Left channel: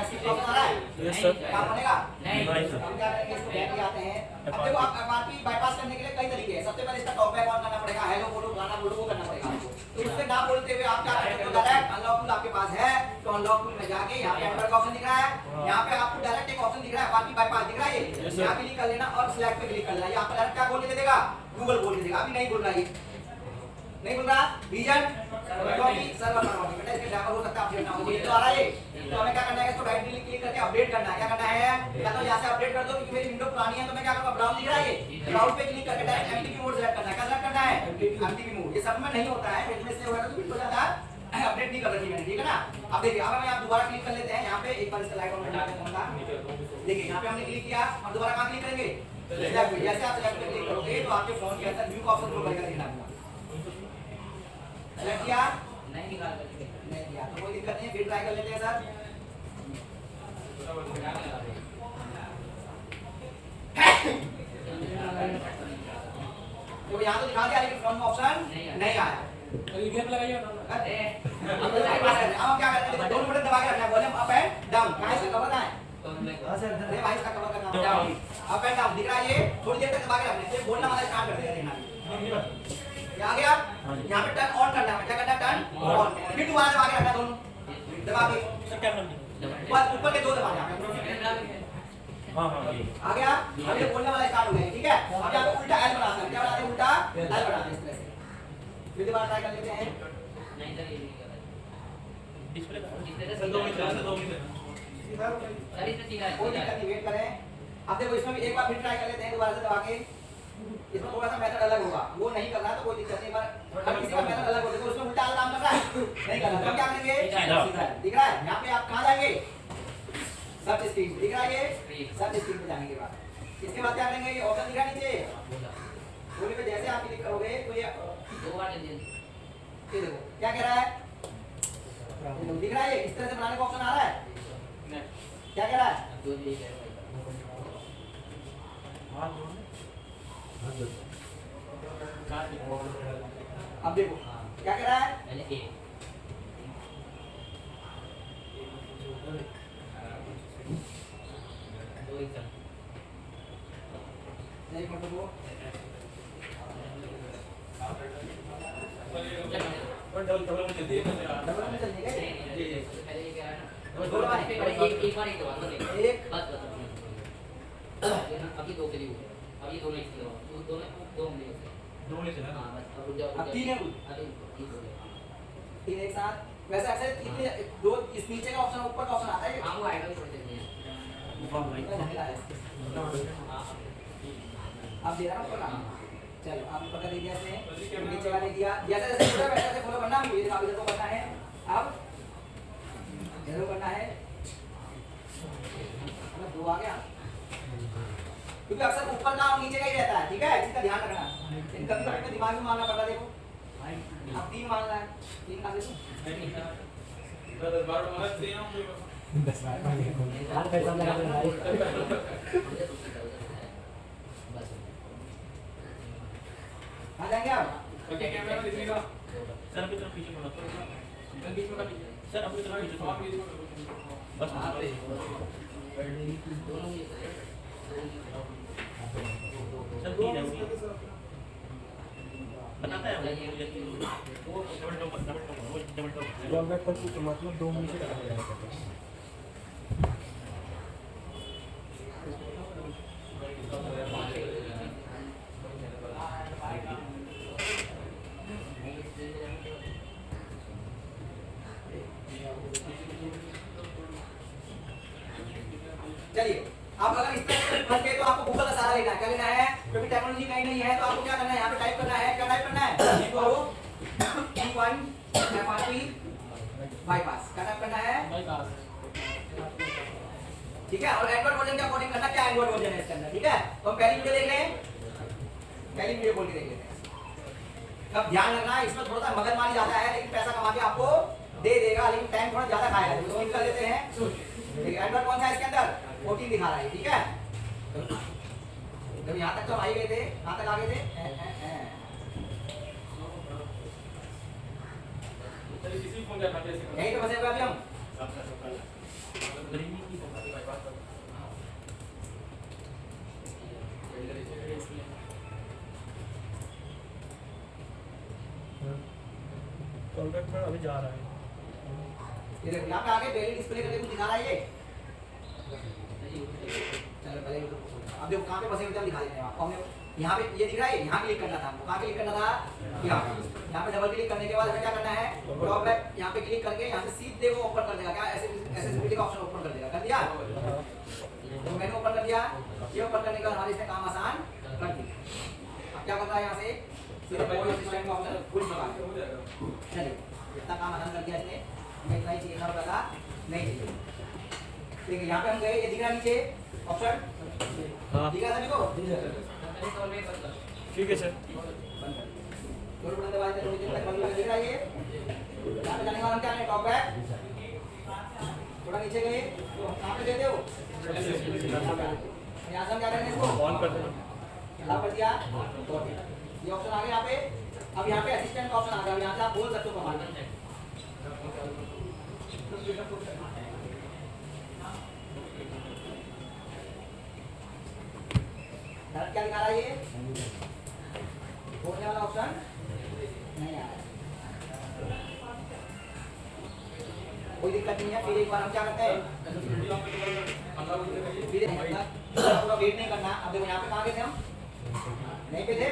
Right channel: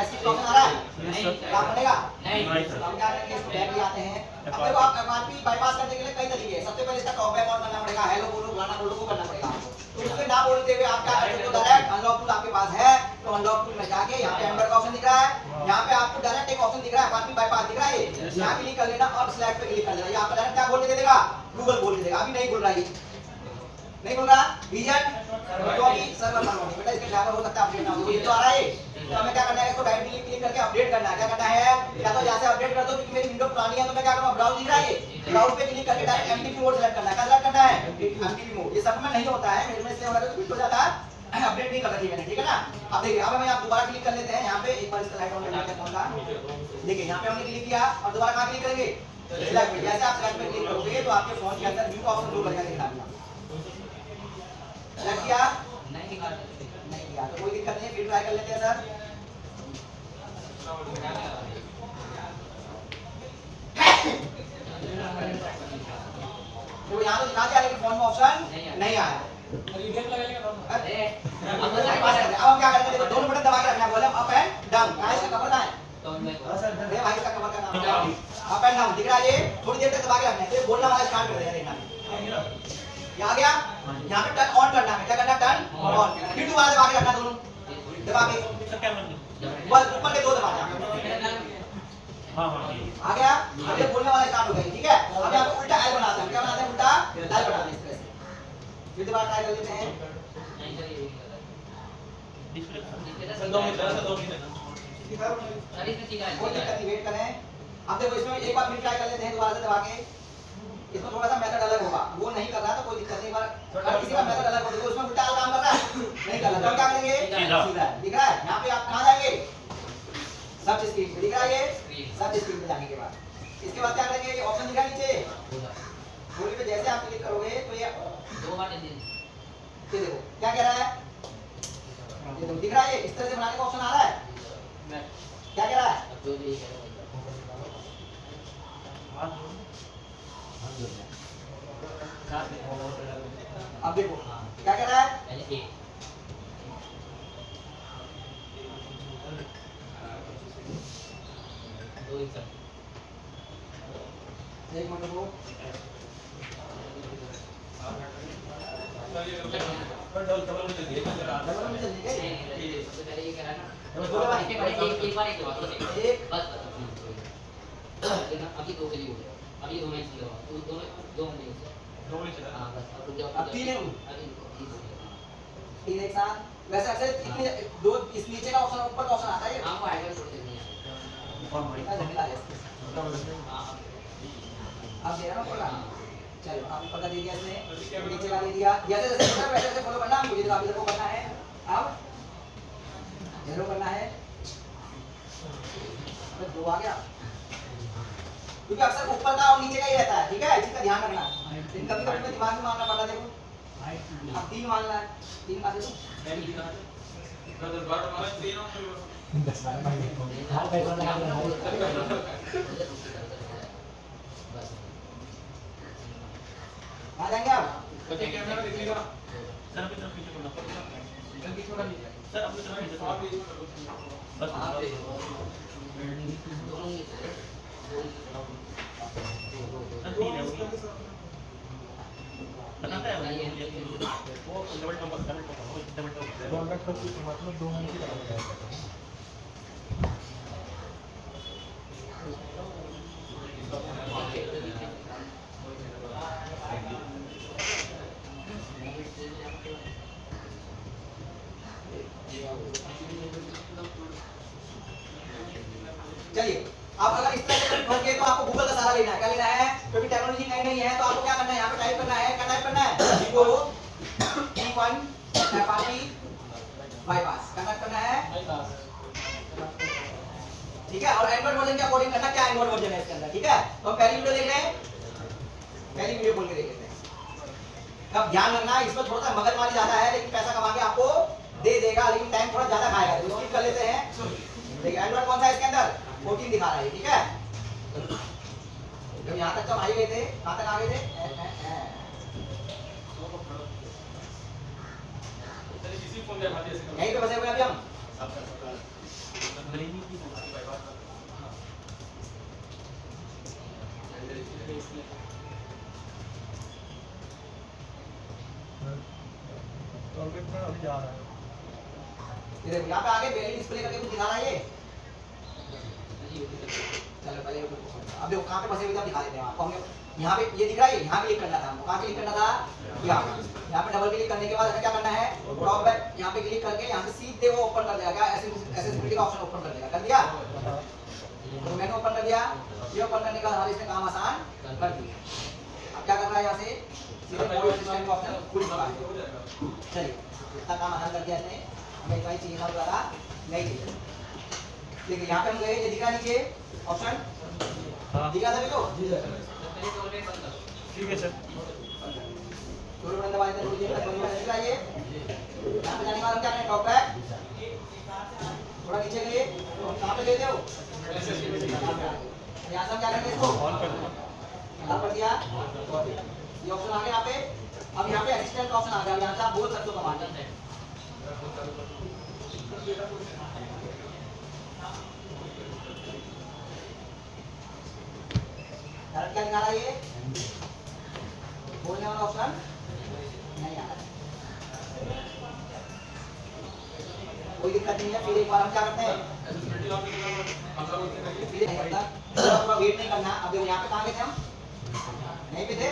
इसकी प्रॉब्लम आ रहा है? नहीं काम बनेगा नहीं। हम क्या करेंगे, इसको बैक भी आते हैं। अब देखो आप एफआरपी बाईपास करने के लिए कई तरीके हैं। सबसे पहले इसका टॉक बैक ऑन करना पड़ेगा, हेलो बोलो गाना बोलो वो करना पड़ेगा आपको। तो उससे ना बोलते हुए आप क्या करेंगे, तो डायरेक्ट अनलॉक टूल आपके पास है तो अनलॉक टूल में जाके यहाँ पे एंटर का ऑप्शन दिख रहा है, यहाँ पे आपको डायरेक्ट एक ऑप्शन दिख रहा है एफआरपी बाईपास दिख रहा है, यहाँ क्लिक कर लेना और सिलेक्ट पे क्लिक कर लेना। ये आपको डायरेक्ट क्या बोल के दे देगा, गूगल बोल के देगा। अभी नहीं बोल रहा है, नहीं बोल रहा रीजन सर्वर पर बेटा इसके ड्राइवर हो सकता है अपडेट ना हो, ये तो आ रहा है। तो हमें क्या करना है, इसको डायरेक्टली क्लिक करके अपडेट करना है। क्या करना है, या तो यहाँ से अपडेट कर दो क्योंकि मेरी विंडो पुरानी है, तो मैं क्या करूँगा, ब्राउज दिख रहा है, ब्राउज पे क्लिक करके डायरेक्ट एमटीपी मोड सेलेक्ट करना है। क्या सेलेक्ट करना है, एमटीपी मोड। ये सब में नहीं होता है, मेरे में से हो रहा है तो क्लिक हो जाता है, अपडेट नहीं कर रही मैंने, ठीक है ना। अब देखिए अब हम यहाँ दोबारा क्लिक कर लेते हैं, यहाँ पे एक बार इसका लाइट ऑन कर लेते हैं फोन का। देखिए यहाँ पे हमने क्लिक किया और दोबारा कहाँ क्लिक करेंगे, सिलेक्ट पे। जैसे आप सिलेक्ट पे क्लिक करोगे तो आपके फोन के अंदर न्यू ऑप्शन जो बनेगा देखना सिलेक्ट किया नहीं किया तो कोई दिक्कत नहीं है, फिर ट्राई कर लेते हैं सर। तो यहाँ तो दिखा दिया लेकिन फोन में ऑप्शन नहीं आया। अब हम क्या करेंगे, दोनों बटन दबा के रखना है, वॉल्यूम अप एंड डाउन। कहाँ इसका कवर ना है, अरे भाई इसका कवर करना है, अप एंड डाउन दिख रहा है। ये थोड़ी देर तक दबा के रखना है, ये बोलना वाला स्टार्ट कर देगा। आ गया, यहाँ पे टर्न ऑन करना है, क्या करना है, टर्न ऑन। फिर दोबारा दबा के रखना, दोनों दबा के बस ऊपर के दो दबा देना। आ गया, अब ये बोलने वाला स्टार्ट हो गया, ठीक है। अब यहाँ पे उल्टा एल बनाते हैं, क्या बनाते हैं, उल्टा एल बनाते हैं इस तरह से। फिर दोबारा ट्राई कर लेते हैं, कोई दिक्कत नहीं, वेट करें। अब देखो इसमें एक बार फिर ट्राई कर लेते हैं दोबारा से दबा के। इसमें थोड़ा सा मेथड अलग होगा, वो नहीं कर रहा तो कोई दिक्कत नहीं, पर किसी का मेथड अलग हो, देखो उसमें उल्टा काम कर रहा है, नहीं कर रहा तो हम क्या करेंगे, सीधा दिख रहा है। यहाँ पे आप कहाँ जाएंगे, सर्च स्क्रीन पे दिख रहा है, ये सर्च स्क्रीन पे जाने के बाद इसके बाद क्या करेंगे, ये ऑप्शन दिखा नीचे बोली पे जैसे आप क्लिक करोगे तो ये दो बार देखो क्या कह रहा है, दिख रहा है, ये इस तरह से बनाने का ऑप्शन आ रहा है। क्या कह रहा है, अब देखो क्या कह रहा है, एक मिनट रुको, अभी दो के लिए अभी दो में दो अब तीन एक साथ। वैसे अक्सर इतने दो इस नीचे का ऑप्शन ऊपर का ऑप्शन आता है, हां वो एडवाइस छोड़ देते हैं। अब दे रहा हूं ऊपर, चलो आप ऊपर का दे दिया इसने, नीचे का दे दिया, जैसे जैसे होगा वैसे वैसे फॉलो करना। मुझे तो इधर को करना है, अब इधर करना है, दो आ गया क्योंकि अक्सर ऊपर का और नीचे का ही रहता है, ठीक है, इसी का ध्यान रखना। कभी कभी दिमाग में मारना पड़ता है, देखो अब तीन मारना है, तीन का देखो 10 बार आ जाएंगे आप, कैमरा दिखेगा सर, अपनी तरफ पीछे मुड़ना पड़ेगा, इधर बीच में कर लीजिए सर, अपनी तरफ पीछे मुड़ना बस दोनों सर ठीक है बनाता है वो डबल टॉप मतलब 2 मिनट से चलिए आप अगर इस तरह से भर के तो आपको गूगल का सहारा लेना है। क्या लेना है, क्योंकि टेक्नोलॉजी नई नहीं है तो आपको क्या करना है, यहाँ पे टाइप करना है, क्या टाइप करना है, तो 2.5 FRP बाईपास क्या टाइप करना है, ठीक है। और एंड्रॉइड वर्जन के अकॉर्डिंग करना, क्या एंड्रॉइड वर्जन है इसके अंदर, ठीक है। तो हम पहली वीडियो देख रहे हैं, पहली वीडियो खोल के देख लेते हैं। अब ध्यान रखना इसमें थोड़ा सा मगजमारी ज्यादा है, लेकिन पैसा कमा के आपको दे देगा, लेकिन टाइम थोड़ा ज्यादा खाएगा। तो क्लिक कर लेते हैं, ठीक है। एंड्रॉइड कौन सा है इसके अंदर, 14 दिखा रहा है, ठीक है। जब यहाँ तक तो हम आई गए थे, कहाँ तक आ गए थे, यहीं पे फंसे हुए अभी हम। ये देखो यहाँ पे आगे वैल्यू डिस्प्ले करके कुछ दिखा रहा है ये। चलो पहले अब देखो कहाँ पे फंसे हुए थे दिखा देते हैं आपको। हमने यहाँ पे ये दिख रहा है, यहाँ क्लिक करना था हमको। कहाँ क्लिक करना था? यहाँ पे डबल क्लिक करने के बाद हमें क्या करना है? ड्रॉप बैक यहाँ पे क्लिक करके यहाँ से सीधे वो ओपन कर देगा। क्या एक्सेसिबिलिटी का ऑप्शन ओपन कर देगा। कर दिया? तो मैंने ओपन कर दिया। ये ओपन करने के बाद हमारे इसने काम आसान कर दिया। अब क्या करना है? यहाँ से सीधे कोई सिस्टम का ऑप्शन खुल चुका है। चलिए इतना काम आसान कर दिया इसने। हमें इतना ही चाहिए था, ज़्यादा नहीं चाहिए। ठीक है, यहाँ पे हम गए, ये दिख रहा है नीचे ऑप्शन दिख रहा सभी को? ठीक है सर। थोड़ी बंद दबा देते हैं, थोड़ी देर तक बंद होकर दिख रहा है ये। यहाँ पे जाने के बाद क्या करें? टॉप बैक थोड़ा नीचे गए तो कहाँ पे गए थे वो? यहाँ से हम क्या करेंगे? इसको ऑन कर दो। यहाँ पर दिया ये ऑप्शन आ गया यहाँ पे। अब यहाँ पे असिस्टेंट का ऑप्शन आ गया। यहाँ से आप बोल सकते हो कमांड। क्या निकाला ये? बोलने वाला ऑप्शन नहीं आ रहा है। कोई दिक्कत नहीं है। फिर एक बार हम क्या करते हैं? थोड़ा वेट नहीं करना। अब देखो यहाँ पे कहाँ गए थे हम? नहीं पे थे?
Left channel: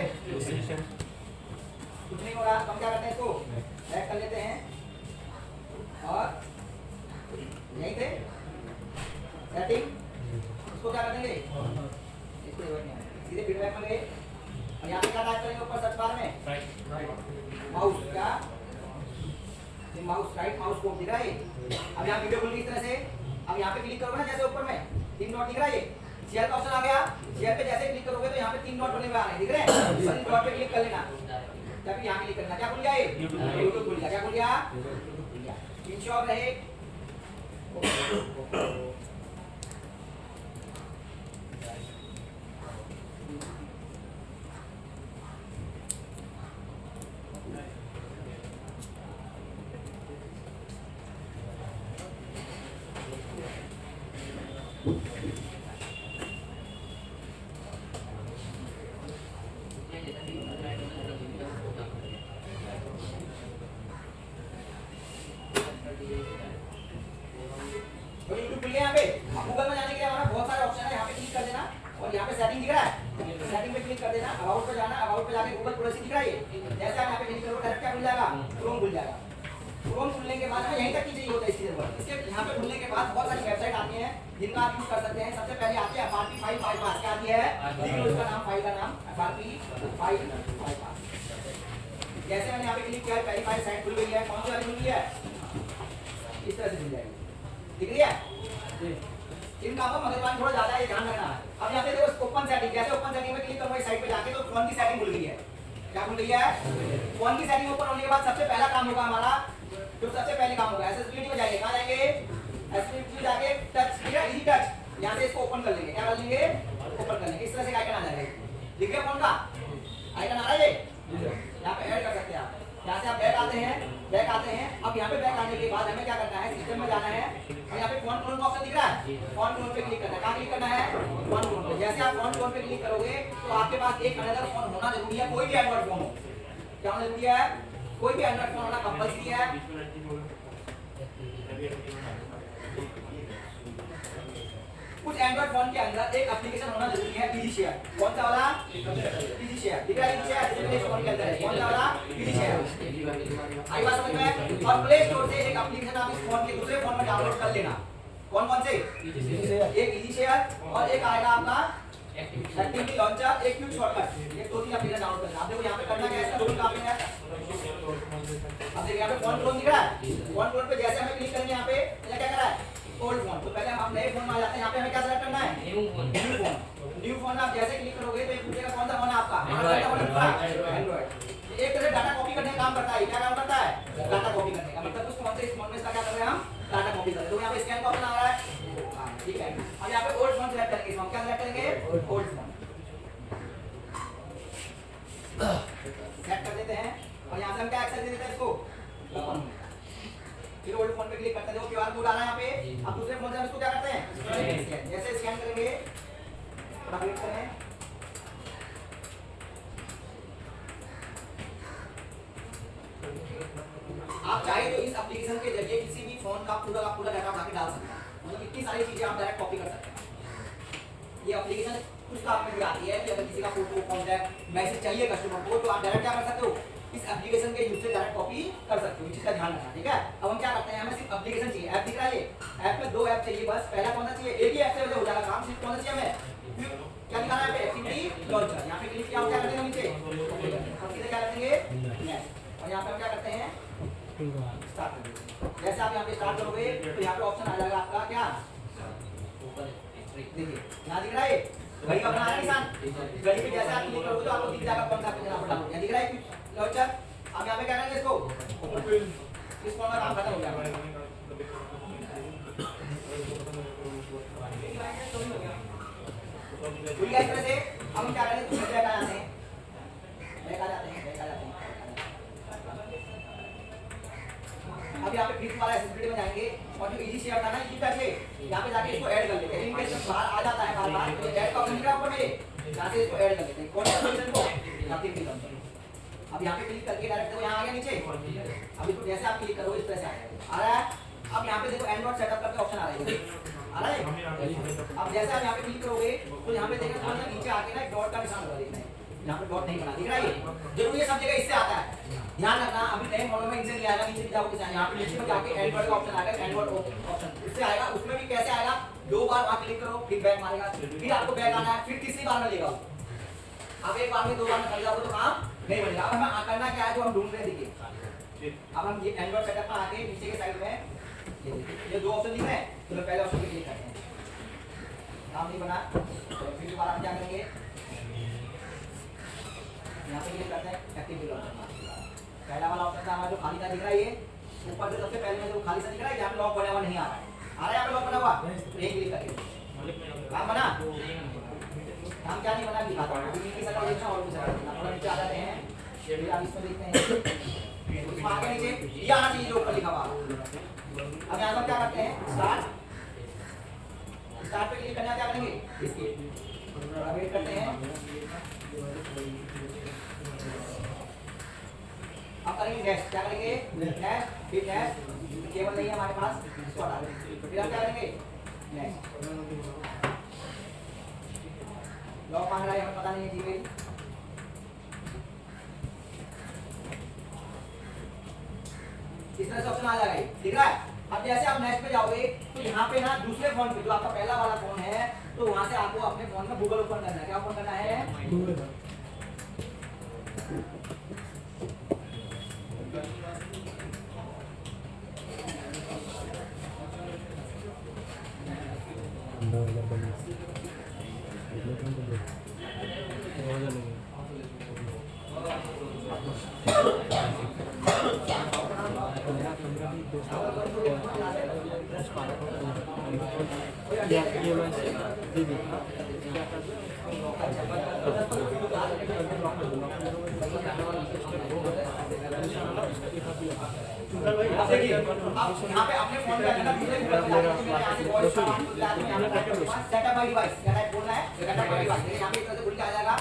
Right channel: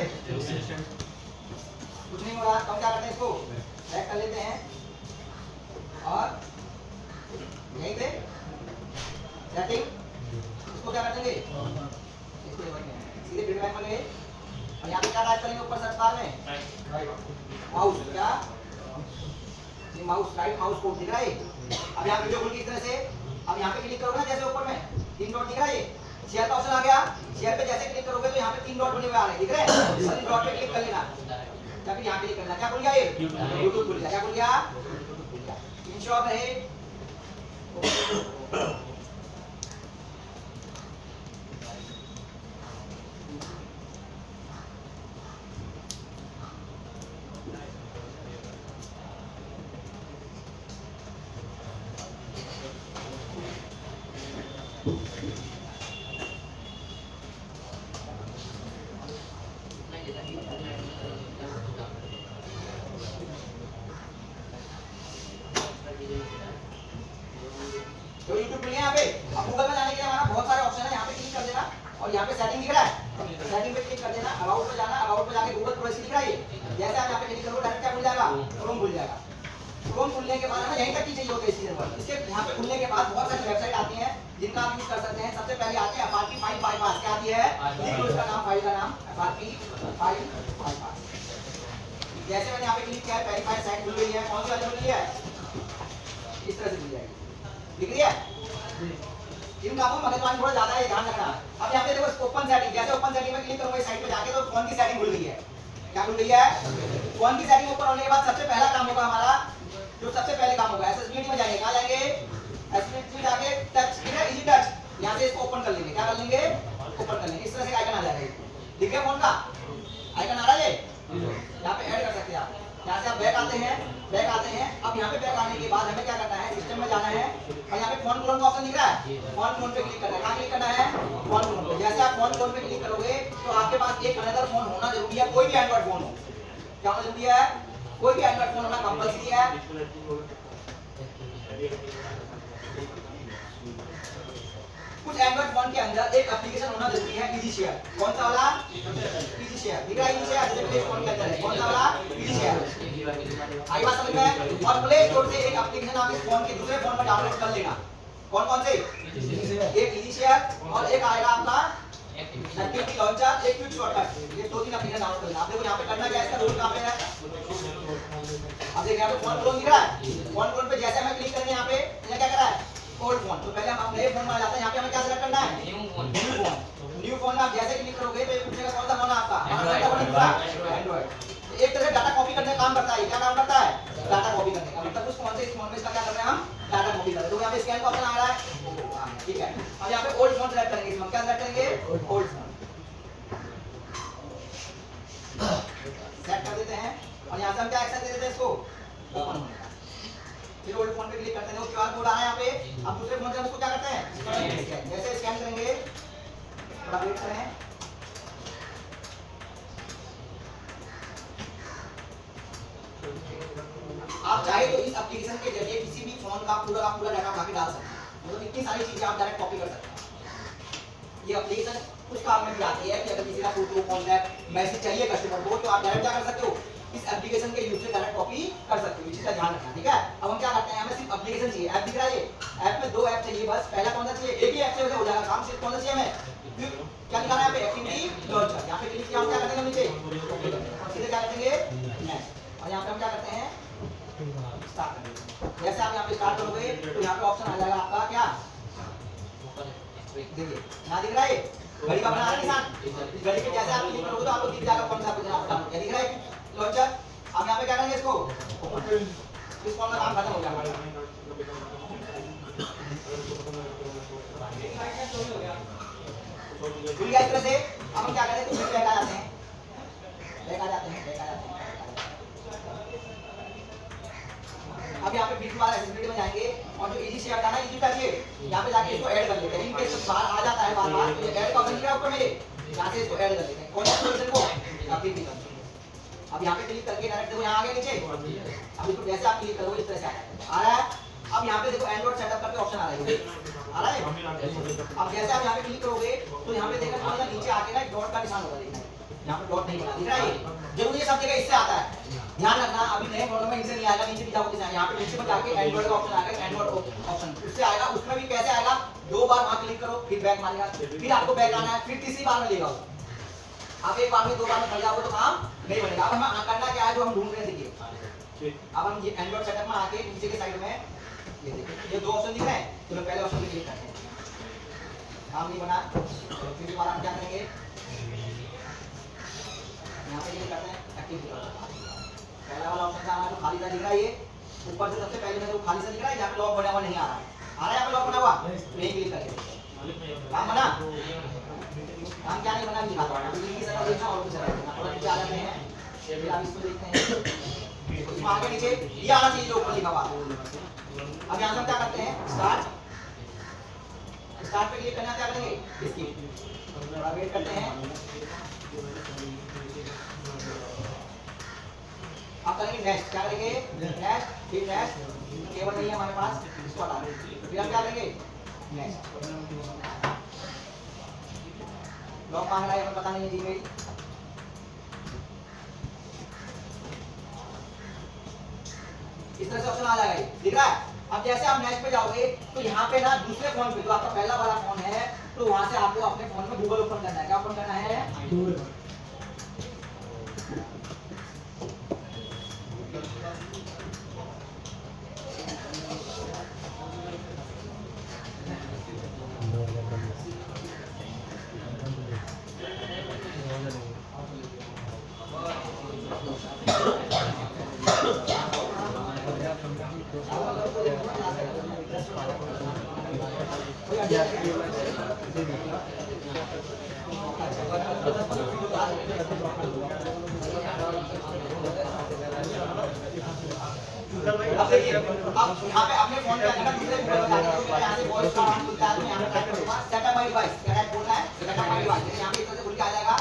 कुछ नहीं हो रहा तो हम क्या करते हैं? इसको बैक कर लेते हैं और यहीं पे सेटिंग इसको क्या कर देंगे? इसको सीधे फीडबैक में गए और यहाँ पे क्या टाइप करेंगे? ऊपर सर्च बार में माउस क्या? माउस राइट माउस को दिख रहा है। अब यहाँ वीडियो खुल गई इस तरह से। अब यहाँ पे क्लिक करोगे ना, जैसे ऊपर में 3 डॉट दिख रहा है, ये शेयर का ऑप्शन आ गया। शेयर पे जैसे क्लिक करोगे तो यहाँ पे 3 डॉट बने हुए आ रहे हैं, दिख रहे हैं? इस डॉट पे क्लिक कर लेना, ताकि यहाँ क्लिक करना। क्या खुल गया? ये यूट्यूब खुल गया। क्या खुल गया? इन शॉप रहे। क्रोम खुलने के बाद हमें यहीं तक ही चाहिए होता है इस चीज़ पर। इसके यहाँ पे खुलने के बाद बहुत सारी वेबसाइट आती हैं जिनका आप यूज कर सकते हैं। सबसे पहले आते हैं FRP फाइल बाईपास। क्या आती है? इसका नाम, फाइल का नाम FRP फाइल बाईपास। जैसे मैंने यहाँ पे क्लिक किया है, पहली फाइल साइट खुल गई है। कौन सी वाली खुल गई है? इस तरह से खुल जाएगी, दिख रही है? इन कामों में भगवान थोड़ा ज्यादा है, ध्यान रखना। अब यहाँ पे देखो ओपन सेटिंग, जैसे ओपन सेटिंग में क्लिक करोगे साइट पे जाके तो फोन की सेटिंग खुल गई है। क्या खुल गई है? फोन की सेटिंग ओपन होने के बाद सबसे पहला काम होगा हमारा, जो सबसे पहले काम होगा एक्सेसिबिलिटी में जाएंगे। कहाँ जाएंगे? एक्सेसिबिलिटी में जाके टच, ठीक है, इजी टच। यहाँ से इसको ओपन कर लेंगे। क्या कर लेंगे? ओपन कर लेंगे। इस तरह से आइकन आ जाएगा, दिख गया? फोन का आइकन आ रहा है ये। यहाँ पे ऐड कर सकते हैं आप। यहाँ से आप बैक आते हैं, बैक आते हैं। अब यहाँ पे बैक आने के बाद हमें क्या करना है? सिस्टम में जाना है और यहाँ पे फोन क्लोन का ऑप्शन दिख रहा है। फोन क्लोन पे क्लिक करना है। कहाँ क्लिक करना है? फोन क्लोन पे। जैसे आप फोन क्लोन पे क्लिक करोगे तो आपके पास एक अनदर फोन होना जरूरी है। कोई भी एंड्रॉइड फोन हो, क्या होना जरूरी है? कोई भी एंड्रॉइड फोन होना कंपल्सरी है। कुछ एंड्रॉइड फोन के अंदर एक एप्लीकेशन होना जरूरी है, इजी शेयर। कौन सा वाला? Easy share. दिख रहा है? इजी शेयर जैसे फोन के अंदर है। कौन सा वाला? Easy share. आई बात समझ में? और प्ले स्टोर से एक एप्लीकेशन आप इस फोन के दूसरे फोन में डाउनलोड कर लेना। कौन कौन से? एक इजी शेयर और एक आएगा आपका एक्टिविटी लॉन्चर, एक क्विक शॉर्टकट। ये 2-3 एप्लीकेशन डाउनलोड करना। आप देखो यहाँ पे करना क्या है, इसका रूल कहाँ पे है? अब देखिए यहाँ पे फोन क्लोन दिख रहा है। फोन क्लोन पे जैसे हमें क्लिक करेंगे यहाँ पे क्या कर रहा है? Old phone. तो पहले हम नए फोन में आ जाते हैं। यहाँ पे हमें क्या सेलेक्ट करना है? New phone. न्यू फोन में आप जैसे क्लिक करोगे तो ये पूछेगा कौन सा फोन है आपका? एंड्रॉइड। एक तरह से डाटा कॉपी करने का काम करता है। क्या काम करता है? डाटा कॉपी करने का। मतलब उस फोन से इस फोन में इसका क्या कर रहे हैं हम? डाटा कॉपी कर रहे हैं। तो यहाँ पे स्कैन का ऑप्शन आ रहा है, ठीक है। अब यहाँ पे ओल्ड फोन सेलेक्ट करेंगे। हम क्या सेलेक्ट करेंगे? ओल्ड फोन सेट कर देते हैं और यहाँ से हम क्या एक्सेस दे देते हैं इसको? ओपन। फिर ओल्ड फोन पे क्लिक करते हैं, वो क्यूआर कोड आ रहा है यहाँ पे। अब दूसरे फोन से हम इसको क्या करते हैं? जैसे स्कैन करेंगे, थोड़ा वेट करें। आप चाहे तो इस एप्लीकेशन के जरिए किसी भी फोन का पूरा डाटा उठा के डाल सकते हैं। मतलब इतनी सारी चीजें आप डायरेक्ट कॉपी कर सकते हैं। ये एप्लीकेशन कुछ काम में भी आती है कि अगर किसी का फोटो कॉन्टैक्ट मैसेज चाहिए कस्टमर को तो आप डायरेक्ट क्या कर सकते हो, इस एप्लीकेशन के यूज से डायरेक्ट कॉपी कर सकते हो। इसका ध्यान रखना, ठीक है। अब हम क्या करते हैं, हमें सिर्फ एप्लीकेशन चाहिए। ऐप दिख रहा है, ऐप में 2 ऐप चाहिए बस। पहला कौन सा चाहिए, एक ही ऐप से हो जाएगा काम। सिर्फ कौन सा चाहिए हमें, क्या लिखा है यहाँ पे, एक्टिविटी लॉन्चर। यहाँ पे क्लिक किया, हम क्या करते हैं नीचे और सीधे क्या करेंगे नेक्स्ट, और यहाँ पे हम क्या करते हैं स्टार्ट करेंगे। जैसे आप यहाँ पे स्टार्ट करोगे तो यहाँ पे ऑप्शन आ जाएगा आपका क्या, देखिए यहाँ दिख रहा है घड़ी का बना है निशान। इस घड़ी पे जैसे आप क्लिक करोगे तो आपको दिख जाएगा कौन सा आपका दिख रहा है लॉन्चर। अब यहाँ पे क्या करेंगे इसको, इस कॉल का काम खत्म हो जाएगा। तो इस तरह से हम क्या करें, तो बैक आ जाते हैं, बैक आ जाते हैं, बैक आ जाते हैं। अब यहाँ पे फिर दोबारा एसेसिबिलिटी में जाएंगे और जो इजी शेयर था ना, इजी करके यहाँ पे जाके इसको ऐड कर लेते हैं। इनके बार आ जाता है बार बार, तो ऐड का ऑप्शन क्या ऊपर मेरे, यहाँ से इसको ऐड कर लेते हैं। कौन सा पोजीशन को, आपकी क्लिक करते हैं। अब यहाँ पे क्लिक करके डायरेक्ट देखो यहाँ आ गया नीचे। अब इसको जैसे आप क्लिक करोगे इस तरह से आ रहा है। अब यहाँ पे देखो एंड्रॉइड सेटअप करके ऑप्शन आ रहा है, आ रहा है। अब जैसे आप यहाँ पे क्लिक करोगे तो यहाँ पे देखो थोड़ा सा नीचे आके ना डॉट का निशान होगा, देखना यहाँ पे डॉट नहीं बना दिख रहा है। जरूर ये सब जगह इससे आता है, ध्यान रखना। अभी नए मॉडल में इनसे नहीं आएगा, नीचे जाओगे डिजाइन यहाँ पे नीचे में जाके एंड्रॉइड का ऑप्शन आएगा, एंड्रॉइड ऑप्शन उससे आएगा। उसमें भी कैसे आएगा, 2 बार वहां क्लिक करो फिर बैक मारेगा, फिर आपको बैक आना है, फिर तीसरी बार में लेगा। आप एक बार में 2 बार में फंस जाओगे तो काम नहीं बनेगा। अब हमें करना क्या है, जो हम ढूंढ रहे हैं देखिए। अब हम ये एंड्रॉइड सेटअप में आके नीचे के साइड में ये देखिए ये 2 ऑप्शन दिख रहे हैं, तो मैं पहले ऑप्शन पे क्लिक करते हैं। काम नहीं बना तो फिर दोबारा हम क्या करेंगे, यहाँ पे क्लिक करते हैं एक्टिविटी लॉक। पहला वाला ऑप्शन था हमारा जो खाली था दिख रहा है, ये ऊपर से सबसे पहले में जो खाली सा दिख रहा है, यहाँ पे लॉक बना हुआ नहीं आ रहा है, आ रहा है यहाँ पे लॉक बना हुआ, तो एक क्लिक करके काम बना। काम क्या नहीं बना दिखाता हूं, अभी इनकी सजा देखना और दूसरा देखना। नीचे आ जाते हैं, फिर आप इसको देखते हैं, इसमें आगे नीचे ये आना चाहिए जो ऊपर लिखा हुआ। अब यहाँ हम क्या करते हैं, स्टार्ट पे क्लिक करना, क्या करेंगे इसकी थोड़ा वेट करते हैं। अब करेंगे नेक्स्ट, क्या करेंगे नेक्स्ट, फिर नेक्स्ट, केवल नहीं है हमारे पास, इसको हटा देंगे। फिर हम क्या करेंगे नेक्स्ट, लॉक मांग रहा है, हमें पता नहीं है जीमेल। इस तरह से ऑप्शन आ जाएगा, दिख रहा है। अब जैसे आप नेक्स्ट पे जाओगे तो यहाँ पे ना दूसरे फोन पे जो आपका पहला वाला फोन है, तो वहां से आपको अपने फोन में गूगल ओपन करना है। क्या ओपन करना है, गूगल। अब देखिए, अब यहाँ पे अपने फोन पे आना दूसरे फोन पे जाके यहाँ से वॉइस का ऑन खुल जाता है। यहाँ पे टाइप करूंगा सेटअप माय डिवाइस, क्या टाइप बोलना है सेटअप माय डिवाइस। यहाँ पे इस तरह से खुल के आ जाएगा।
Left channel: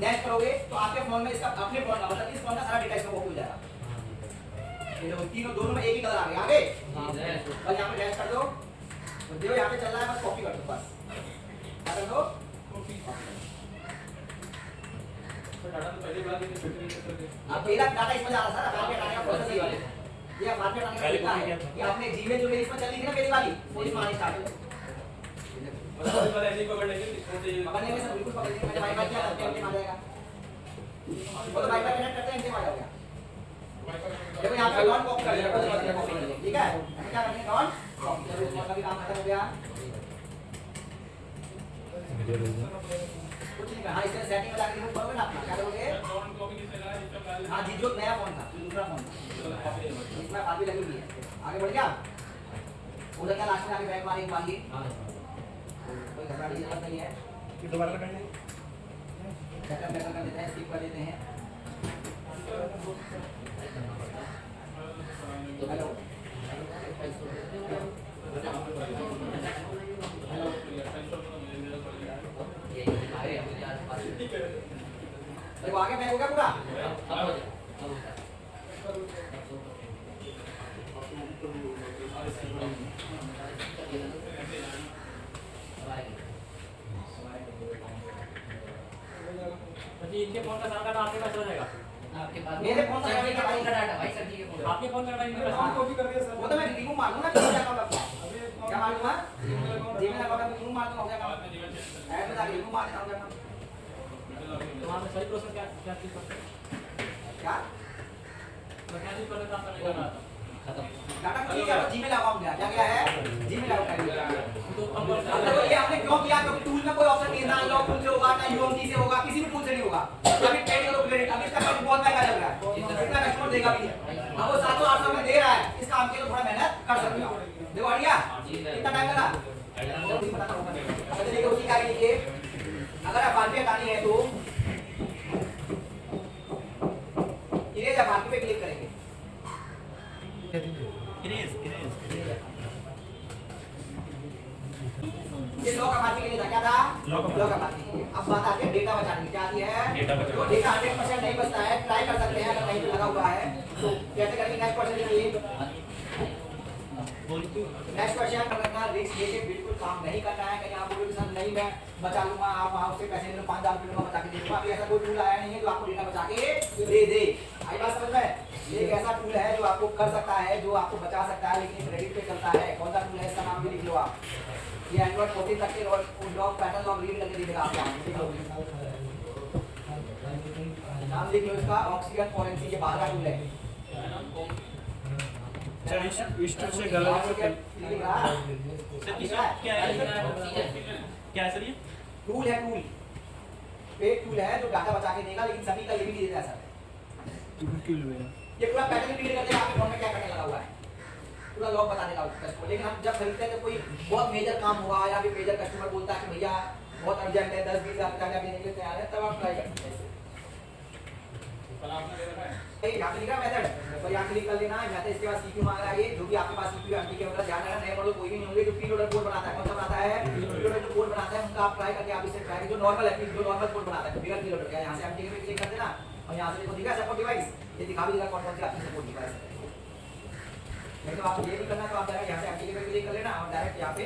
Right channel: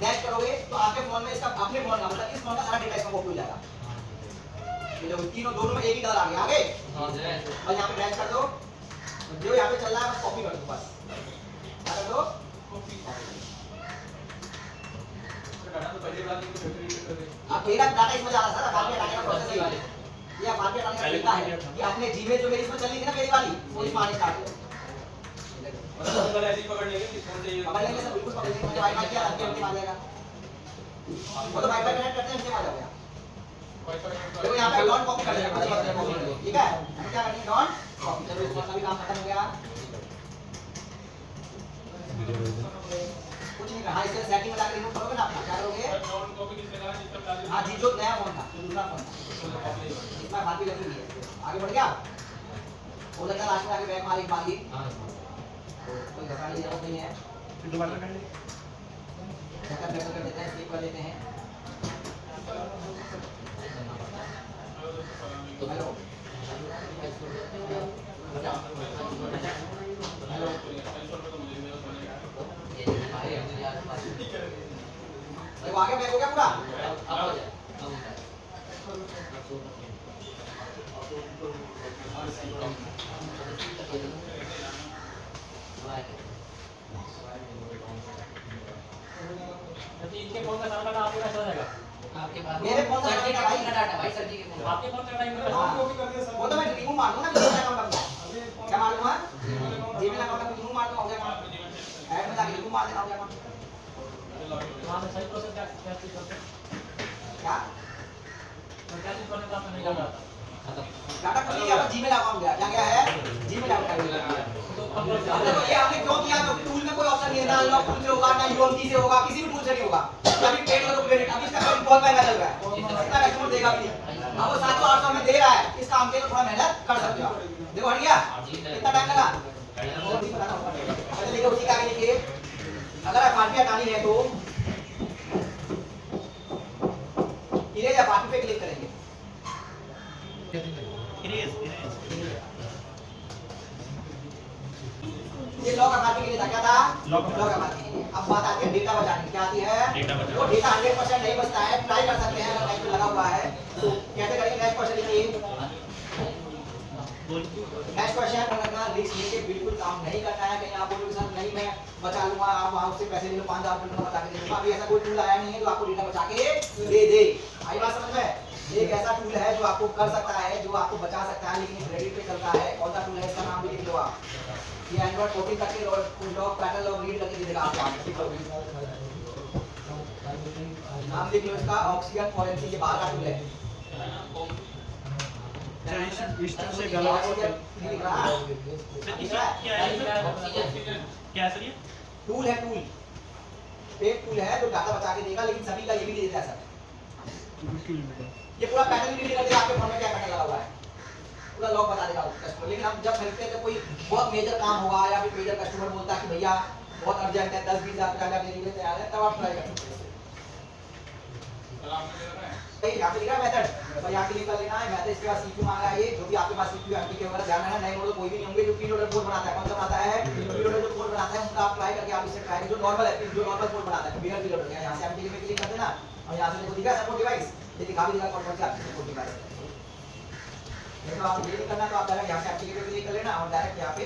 नेक्स्ट करोगे तो आपके फोन में इसका अपने फोन का मतलब इस फोन का सारा डेटा इसमें कॉपी हो जाएगा। ये लोग तीनों दोनों में एक ही कलर आ गया आगे। और यहाँ पे नेक्स्ट कर दो, जो यहाँ पे चल रहा है बस कॉपी कर दो, बस क्या कर दो कॉपी। अब मेरा डाटा इसमें जा रहा था, बाद में डाटा का प्रोसेस यही है। ये बाद में डाटा का तरीका है कि आपने जीमेल जो मेरी इसमें चल रही थी ना पहली वाली, वो इसमें आने स्टार्ट हो गई। मतलब ऐसे ही पकड़ लेंगे किसको चाहिए, पकड़ लेंगे सब, बिल्कुल पकड़ लेंगे। वाईफाई क्या अंतिम आ जाएगा, वो तो वाईफाई कनेक्ट करते हैं अंतिम आ जाएगा। देखो यहाँ पे डॉट कॉपी कर देगा, ठीक है। हम क्या करेंगे डॉट कॉपी, चलो इसका भी काम खत्म हो गया। कुछ नहीं करना, इससे सेटिंग में जाकर रिमूव करोगे ना अपना, क्या करोगे डॉट कॉपी किसने करा है, जिसका प्लान हां जी, जो नया फोन था दूसरा फोन था इसमें बात भी लगी हुई है। आगे बढ़ गया, उधर का लास्ट जाके बैक मारी मारी, कोई घबराने की जरूरत नहीं है। फिर दोबारा करेंगे, सेकंड बैक कर देते हैं, स्किप कर देते हैं। हेलो हेलो, आगे बैक हो गया पूरा। इनके फोन का सामना आपके पास रहेगा। आपके पास मेरे फोन से सर्किट का का डाटा भाई सर्किट के फोन आपके फोन का टाइम में वो तो मैं रिमूव मार दूंगा ना, किसी अकाउंट अपना क्या मार दूंगा, जीमेल अकाउंट में रिमूव मार दूंगा, हो गया काम। ऐड बता के रिमूव मार देना, हो गया काम। वहां से सही प्रोसेस क्या चीज करते हैं क्या तो क्या चीज करने का आपका नहीं जाना खत्म। डाटा कुछ नहीं, अपना जीमेल अकाउंट गया, क्या गया है, जीमेल अकाउंट गया। तो अब देखो ये हमने क्यों किया, क्योंकि टूल में कोई ऑप्शन नहीं है, ना अनलॉक टूल से होगा, ना यूएमटी से होगा, किसी भी टूल से नहीं होगा। अभी पेड करो क्रेडिट, अभी इसका काम बहुत महंगा चल रहा है, कितना कस्टमर देगा भी, अब वो 700-800 में दे रहा है, इस काम के लिए थोड़ा मेहनत कर सकते हो। देखो हट गया, कितना टाइम लगा, और भी बताना होगा। अच्छा देखो उसी के आगे लिखिए, अगर एफआरपी हटानी है तो इरेज एफआरपी पे क्लिक करेंगे। ये लॉक एफआरपी के लिए था, क्या था, लॉक एफआरपी के लिए। अब बात आती है डेटा बचाने की, क्या आती है, वो डेटा 100% नहीं बचता है, ट्राई कर सकते हैं, अगर कहीं पे लगा हुआ है तो कैसे करेंगे। नेक्स्ट क्वेश्चन लिखिए, नेक्स्ट क्वेश्चन रखना, रिस्क लेके बिल्कुल काम नहीं करना है। कहीं आप बोलोगे सर नहीं मैं बचा लूंगा, आप वहां उससे पैसे ले लो, 5000 रुपए बचा के दे दूंगा, अभी ऐसा कोई टूल आया नहीं है जो आपको डेटा बचा के दे दे। आई बात समझ में, एक ऐसा टूल है जो आपको कर सकता है, जो आपको बचा सकता है, लेकिन क्रेडिट पे चलता है। कौन सा टूल है, इसका नाम भी लिख लो आप, ये एंड्रॉइड 14 तक के लॉग पैटर्न लॉग रीड करके दे देगा आपको। नाम लिख लो इसका, ऑक्सीजन फॉरेंसिक, ये बाहर का टूल है। से गलत क्या सर ये टूल है, टूल पेड टूल है जो डाटा बचा के देगा, लेकिन सभी का ये भी नहीं देता है सर। ये पूरा पैटर्न रीड कर देगा आपके फोन में क्या पैटर्न लगा हुआ है, पूरा लॉग बता देगा कस्टमर। लेकिन हम जब खरीदते हैं तो कोई बहुत मेजर काम होगा या फिर मेजर कस्टमर बोलता है कि भैया बहुत अर्जेंट है, 10-20 हज़ार का भेजने के लिए तैयार है, तब आप ट्राई कर सकते हैं। यहाँ पे लिखा मेथड, और यहाँ पे लिखा लेना है मैथड, इसके बाद सीपीयू मांग रहा है, ये जो भी आपके पास सीपीयू एमपी के वगैरह ध्यान रखना, नए मॉडल कोई भी नहीं होंगे जो प्रीलोडेड कोड बनाता है। कौन सा बनाता है, प्रीलोडेड जो कोड बनाता है उनका आप ट्राई करके आप इसे ट्राई, जो नॉर्मल है, जो नॉर्मल कोड बनाता है बिगर प्रीलोडेड है। यहाँ से एमपी पे क्लिक कर देना और यहाँ से देखो दिखा सपोर्ट डिवाइस, ये दिखा भी देगा कौन कौन सी आपकी सपोर्ट डिवाइस है। नहीं तो आपको ये नहीं करना तो आप डायरेक्ट यहाँ से एमपी पे क्लिक कर लेना और डायरेक्ट यहाँ पे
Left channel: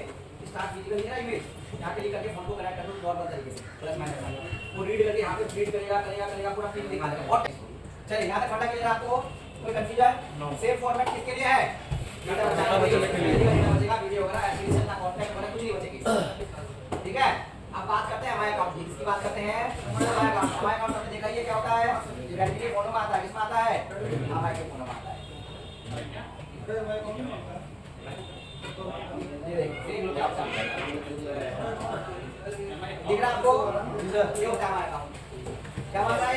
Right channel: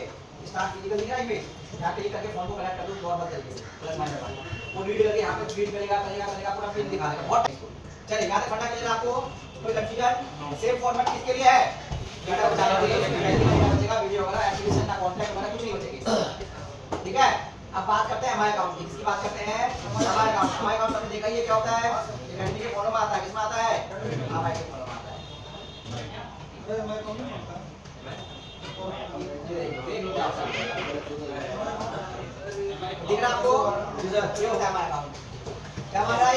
स्टार्ट फिजिकल दिख रहा है इमेज, यहाँ क्लिक करके फोन को कनेक्ट कर दो नॉर्मल तरीके से, प्लस माइनस वाला वो रीड करके यहाँ पे रीड करेगा पूरा पिन दिखा देगा। और चलिए यहाँ तक पढ़ना क्लियर आपको, कोई कंफ्यूजन। सेम फॉर्मेट किसके लिए है, डेटा बचाने के लिए, बचेगा वीडियो वगैरह एप्लीकेशन ना कंटेंट वगैरह कुछ नहीं बचेगी। ठीक है, अब बात करते हैं हमारे अकाउंट की, किसकी बात करते हैं, हमारे अकाउंट। हमारे अकाउंट आपने देखा ये क्या होता है, रेडमी के फोन में आता है, किसमें आता है, हमारे के फोन में आता है। ये देखिए दिख रहा आपको, ये होता है हमारा अकाउंट। क्या मांग रहा है,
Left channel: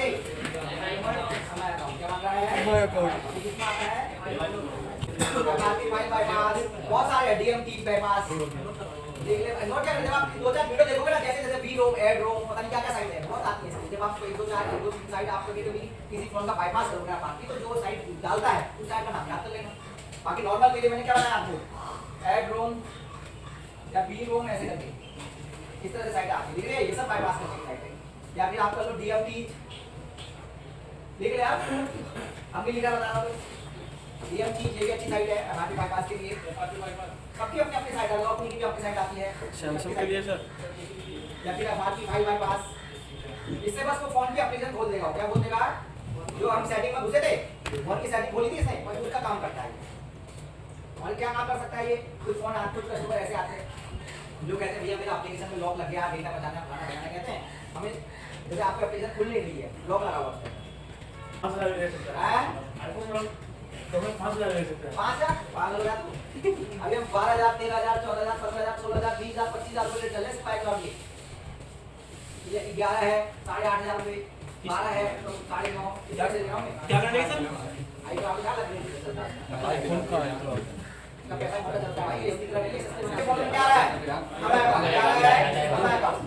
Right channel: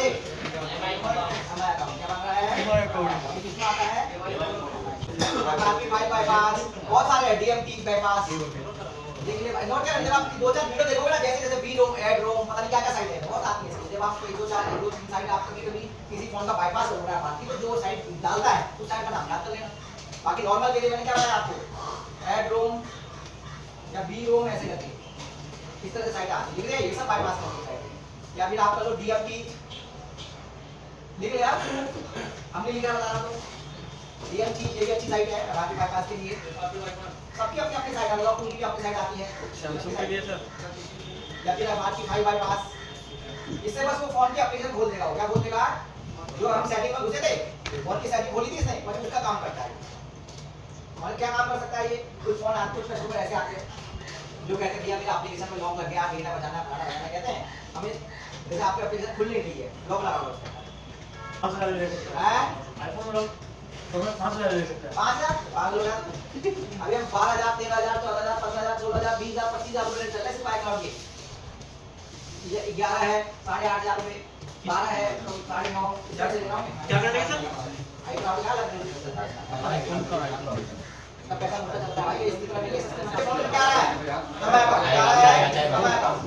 हमारा अकाउंट क्या मांग रहा है, हमारा अकाउंट किसमें आता है, आपकी बाईपास बहुत सारे है, डीएमटी बाईपास देख ले भाई। नोट क्या, जब आप 2-4 वीडियो देखोगे ना, जैसे जैसे बी रोम, एड रोम, पता नहीं क्या क्या साइट है, बहुत आती है। जब आप 1-2-4 साइट आप कभी किसी फोन का बाईपास करोगे आप आपकी, तो जो साइट डालता है उस साइट का नाम याद कर लेना। बाकी नॉर्मल के लिए मैंने क्या बताया आपको, एड रोम या बी रोम ऐसे करके इस तरह से साइट आती है, दिख रही है, ये सब बाईपास करने की साइट है। या फिर आपका जो डीएमटी देख लिया, हमने लिखा बता रहा हूँ, डीएमटी ये भी अच्छी साइट है हमारे बाईपास के लिए। सबकी अपनी अपनी साइट है, आपकी भी अपनी साइट आती है सैमसंग के लिए सर, या फिर हमारी फाइव बाईपास, इससे बस वो फोन की एप्लीकेशन खोल देगा। क्या खोल देगा, जो हम सेटिंग में घुसे थे, फोन की सेटिंग खोली थी इसने, वही उसका काम करता है। और क्या काम कर सकता है ये, कोई फोन आपको कस्टमर ऐसे आते हैं जो कहते हैं भैया मेरा एप्लीकेशन में लॉक लग गया, डेटा बचाना खाना बनाना, कहते हैं हमें जैसे आपकी एप्लीकेशन खुल नहीं रही है, लॉक लगा हुआ है, 5,000 ले सकते हैं। 5,000 अभी हम 12,000 13,000 14,000 15,000 16,000 20,000 25,000 रुपए चल रहे हैं सिर्फ iCloud के। 11 है 8,500 रुपए, 12 है तो 9.5 इधर से ले जाओ। क्या करना है सर, iCloud क्या लग रहा है, का पैसा मोटा चलता है भाई, इसकी तरह नहीं ले सकते। इसके फोन में क्या है, हमारा अकाउंट क्या है, हमारा अकाउंट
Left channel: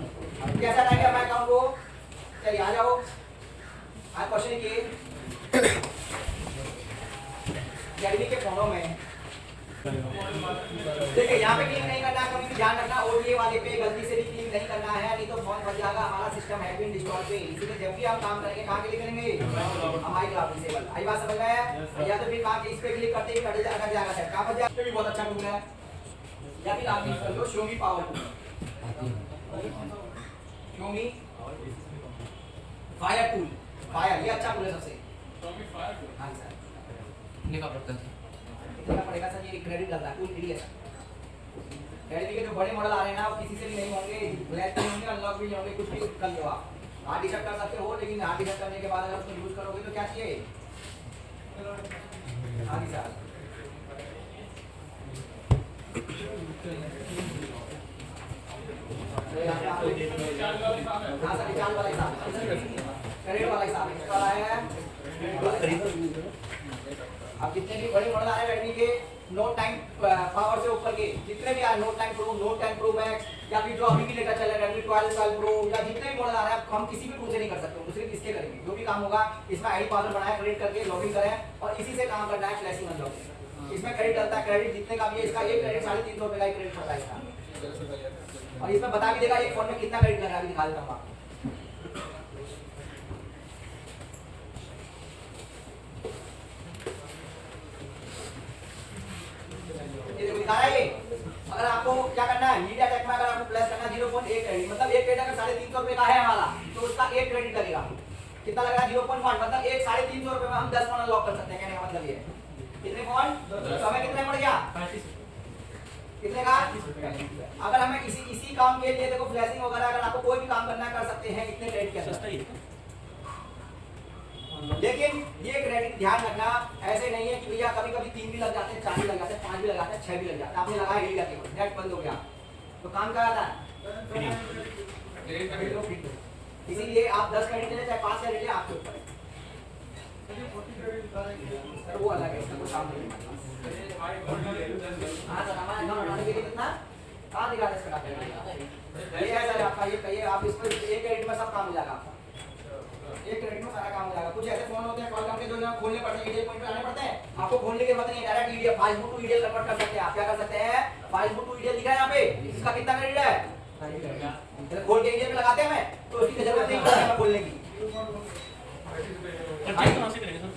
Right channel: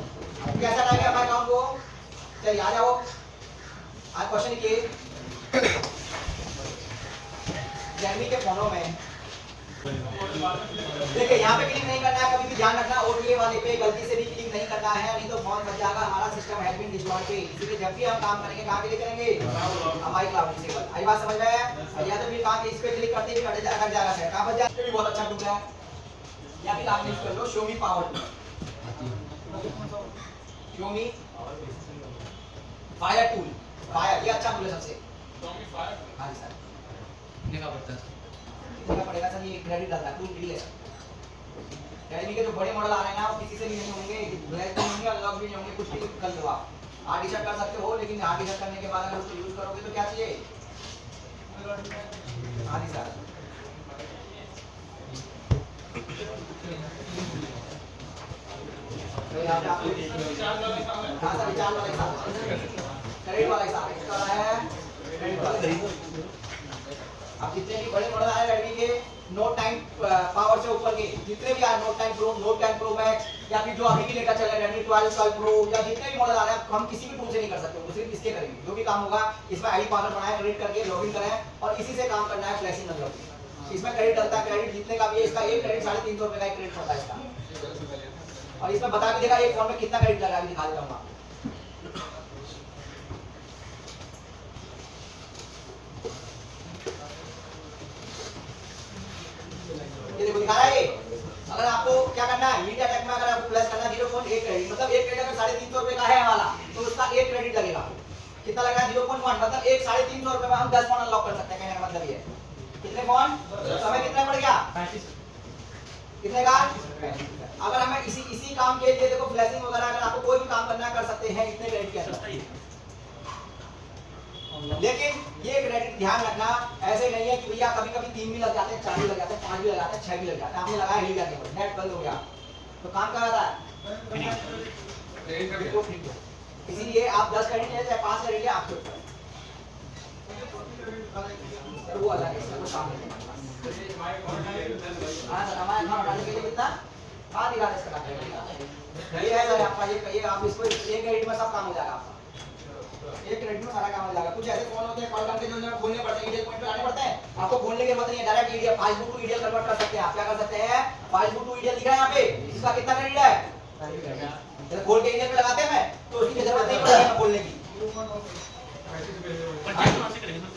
कैसा रहेगा हमारा अकाउंट को। चलिए आ जाओ, आज क्वेश्चन लिखिए, गर्मी के फोनों में देखिए यहाँ पे क्लिक नहीं करना है, कभी भी ध्यान रखना, ओटीए वाले पे गलती से भी क्लिक नहीं करना है, नहीं तो फोन बच जाएगा हमारा। सिस्टम हैज बीन डिस्ट्रॉयड के, इसलिए जब भी हम काम करेंगे कहां के लिए करेंगे, हमारी क्लाउड डिसेबल। आई बात समझ में आया? या तो फिर कहां के इस पे क्लिक करते ही कट जाएगा, कहां पर जाए, ये भी बहुत अच्छा टूल है। या फिर आप यूज कर लो show me power tool, show me fire tool, fire ये अच्छा टूल है सबसे। हां सर लिखा पड़ता है क्या पड़ेगा सर, ये क्रेडिट डालना टूल के लिए। रेडमी के जो बड़े मॉडल आ रहे हैं ना वो किसी से भी नहीं होंगे, ब्लैक भी होंगे, अनलॉक भी नहीं होंगे, कुछ भी कर लो आप। हार्ड डिस्क कर सकते हो, लेकिन हार्ड डिस्क करने के बाद अगर उसको यूज करोगे तो क्या चाहिए, हां जी सर तो यहाँ पे आपको हाँ सर रिचार्ज वाला हिसाब, क्रेडिट वाला हिसाब इसका है। अब जितने भी बड़े मॉडल आ रहे हैं रेडमी के, नोट 9 पावर से ऊपर के जितने भी आ रहे, note 9 pro, note 10 pro max, या फिर जो अभी भी लेकर चल रहे हैं रेडमी 12 प्रो, या जितने भी मॉडल आ रहे हैं हम किसी भी टूल से नहीं कर सकते, सिर्फ इसके करेंगे। जो भी काम होगा इसमें आईडी पासवर्ड बनाए, क्रिएट करके लॉगिन करें और इसी से काम करना है, फ्लैशिंग अनलॉक। इसमें क्रेडिट डलता है, क्रेडिट जितने का भी है इसका एक क्रेडिट 350 रुपए का एक क्रेडिट होता है इसका, और इसमें बता भी देगा एक फोन में कितना क्रेडिट लगा, दिखा देता हूं आपको। ये देखो दिखा रहा है ये। अगर आपको क्या करना है, मीडिया टेक में अगर आपको प्लस करना है 0.1 क्रेडिट, मतलब एक क्रेडिट अगर 350 रुपए का है हमारा तो उसका एक क्रेडिट लगेगा। कितना लगेगा, 0.1, मतलब एक 350 रुपए में हम 10 फोन अनलॉक कर सकते हैं। कहने का मतलब ये कितने फोन, समय कितना पड़ गया, कितने का। अगर हमें इसी काम के लिए देखो फ्लैशिंग वगैरह अगर आपको कोई भी काम करना कर सकते हैं इतने क्रेडिट के अंदर। लेकिन ये क्रेडिट ध्यान रखना, ऐसे नहीं है कि भैया कभी कभी 3 भी लग जाते हैं, 4 भी लग जाते हैं, 5 भी लग जाते हैं, 6 भी लग जाते हैं, आपने लगाया हिल जाके नेट बंद हो गया तो काम क्या आता है, इसीलिए आप 10 क्रेडिट ले चाहे 5 क्रेडिट ले, आपके ऊपर है, वो अलग है, इसका कोई काम नहीं। हाँ सर हमारे अकाउंट डालने के लिए कितना कहाँ दिखा रहे इसका, ये है सर आपका, ये आप इसको एक क्रेडिट में सब काम हो जाएगा आपका, एक क्रेडिट में सारा काम हो जाएगा। कुछ ऐसे फोन होते हैं कॉल करके जो ना खोलने पड़ते हैं, ईडीएल पॉइंट पे आने पड़ते हैं, आपको खोलने की जरूरत नहीं है, direct EDL file to EDL convert कर सकते हैं। आप क्या कर सकते हैं, फाइल टू ईडीएल दिखा है यहाँ पे, इसका कितना क्रेडिट है, खोल के ईडीएल पे लगाते हैं मैं तो उसकी जरूरत नहीं पड़ेगी खोलने की।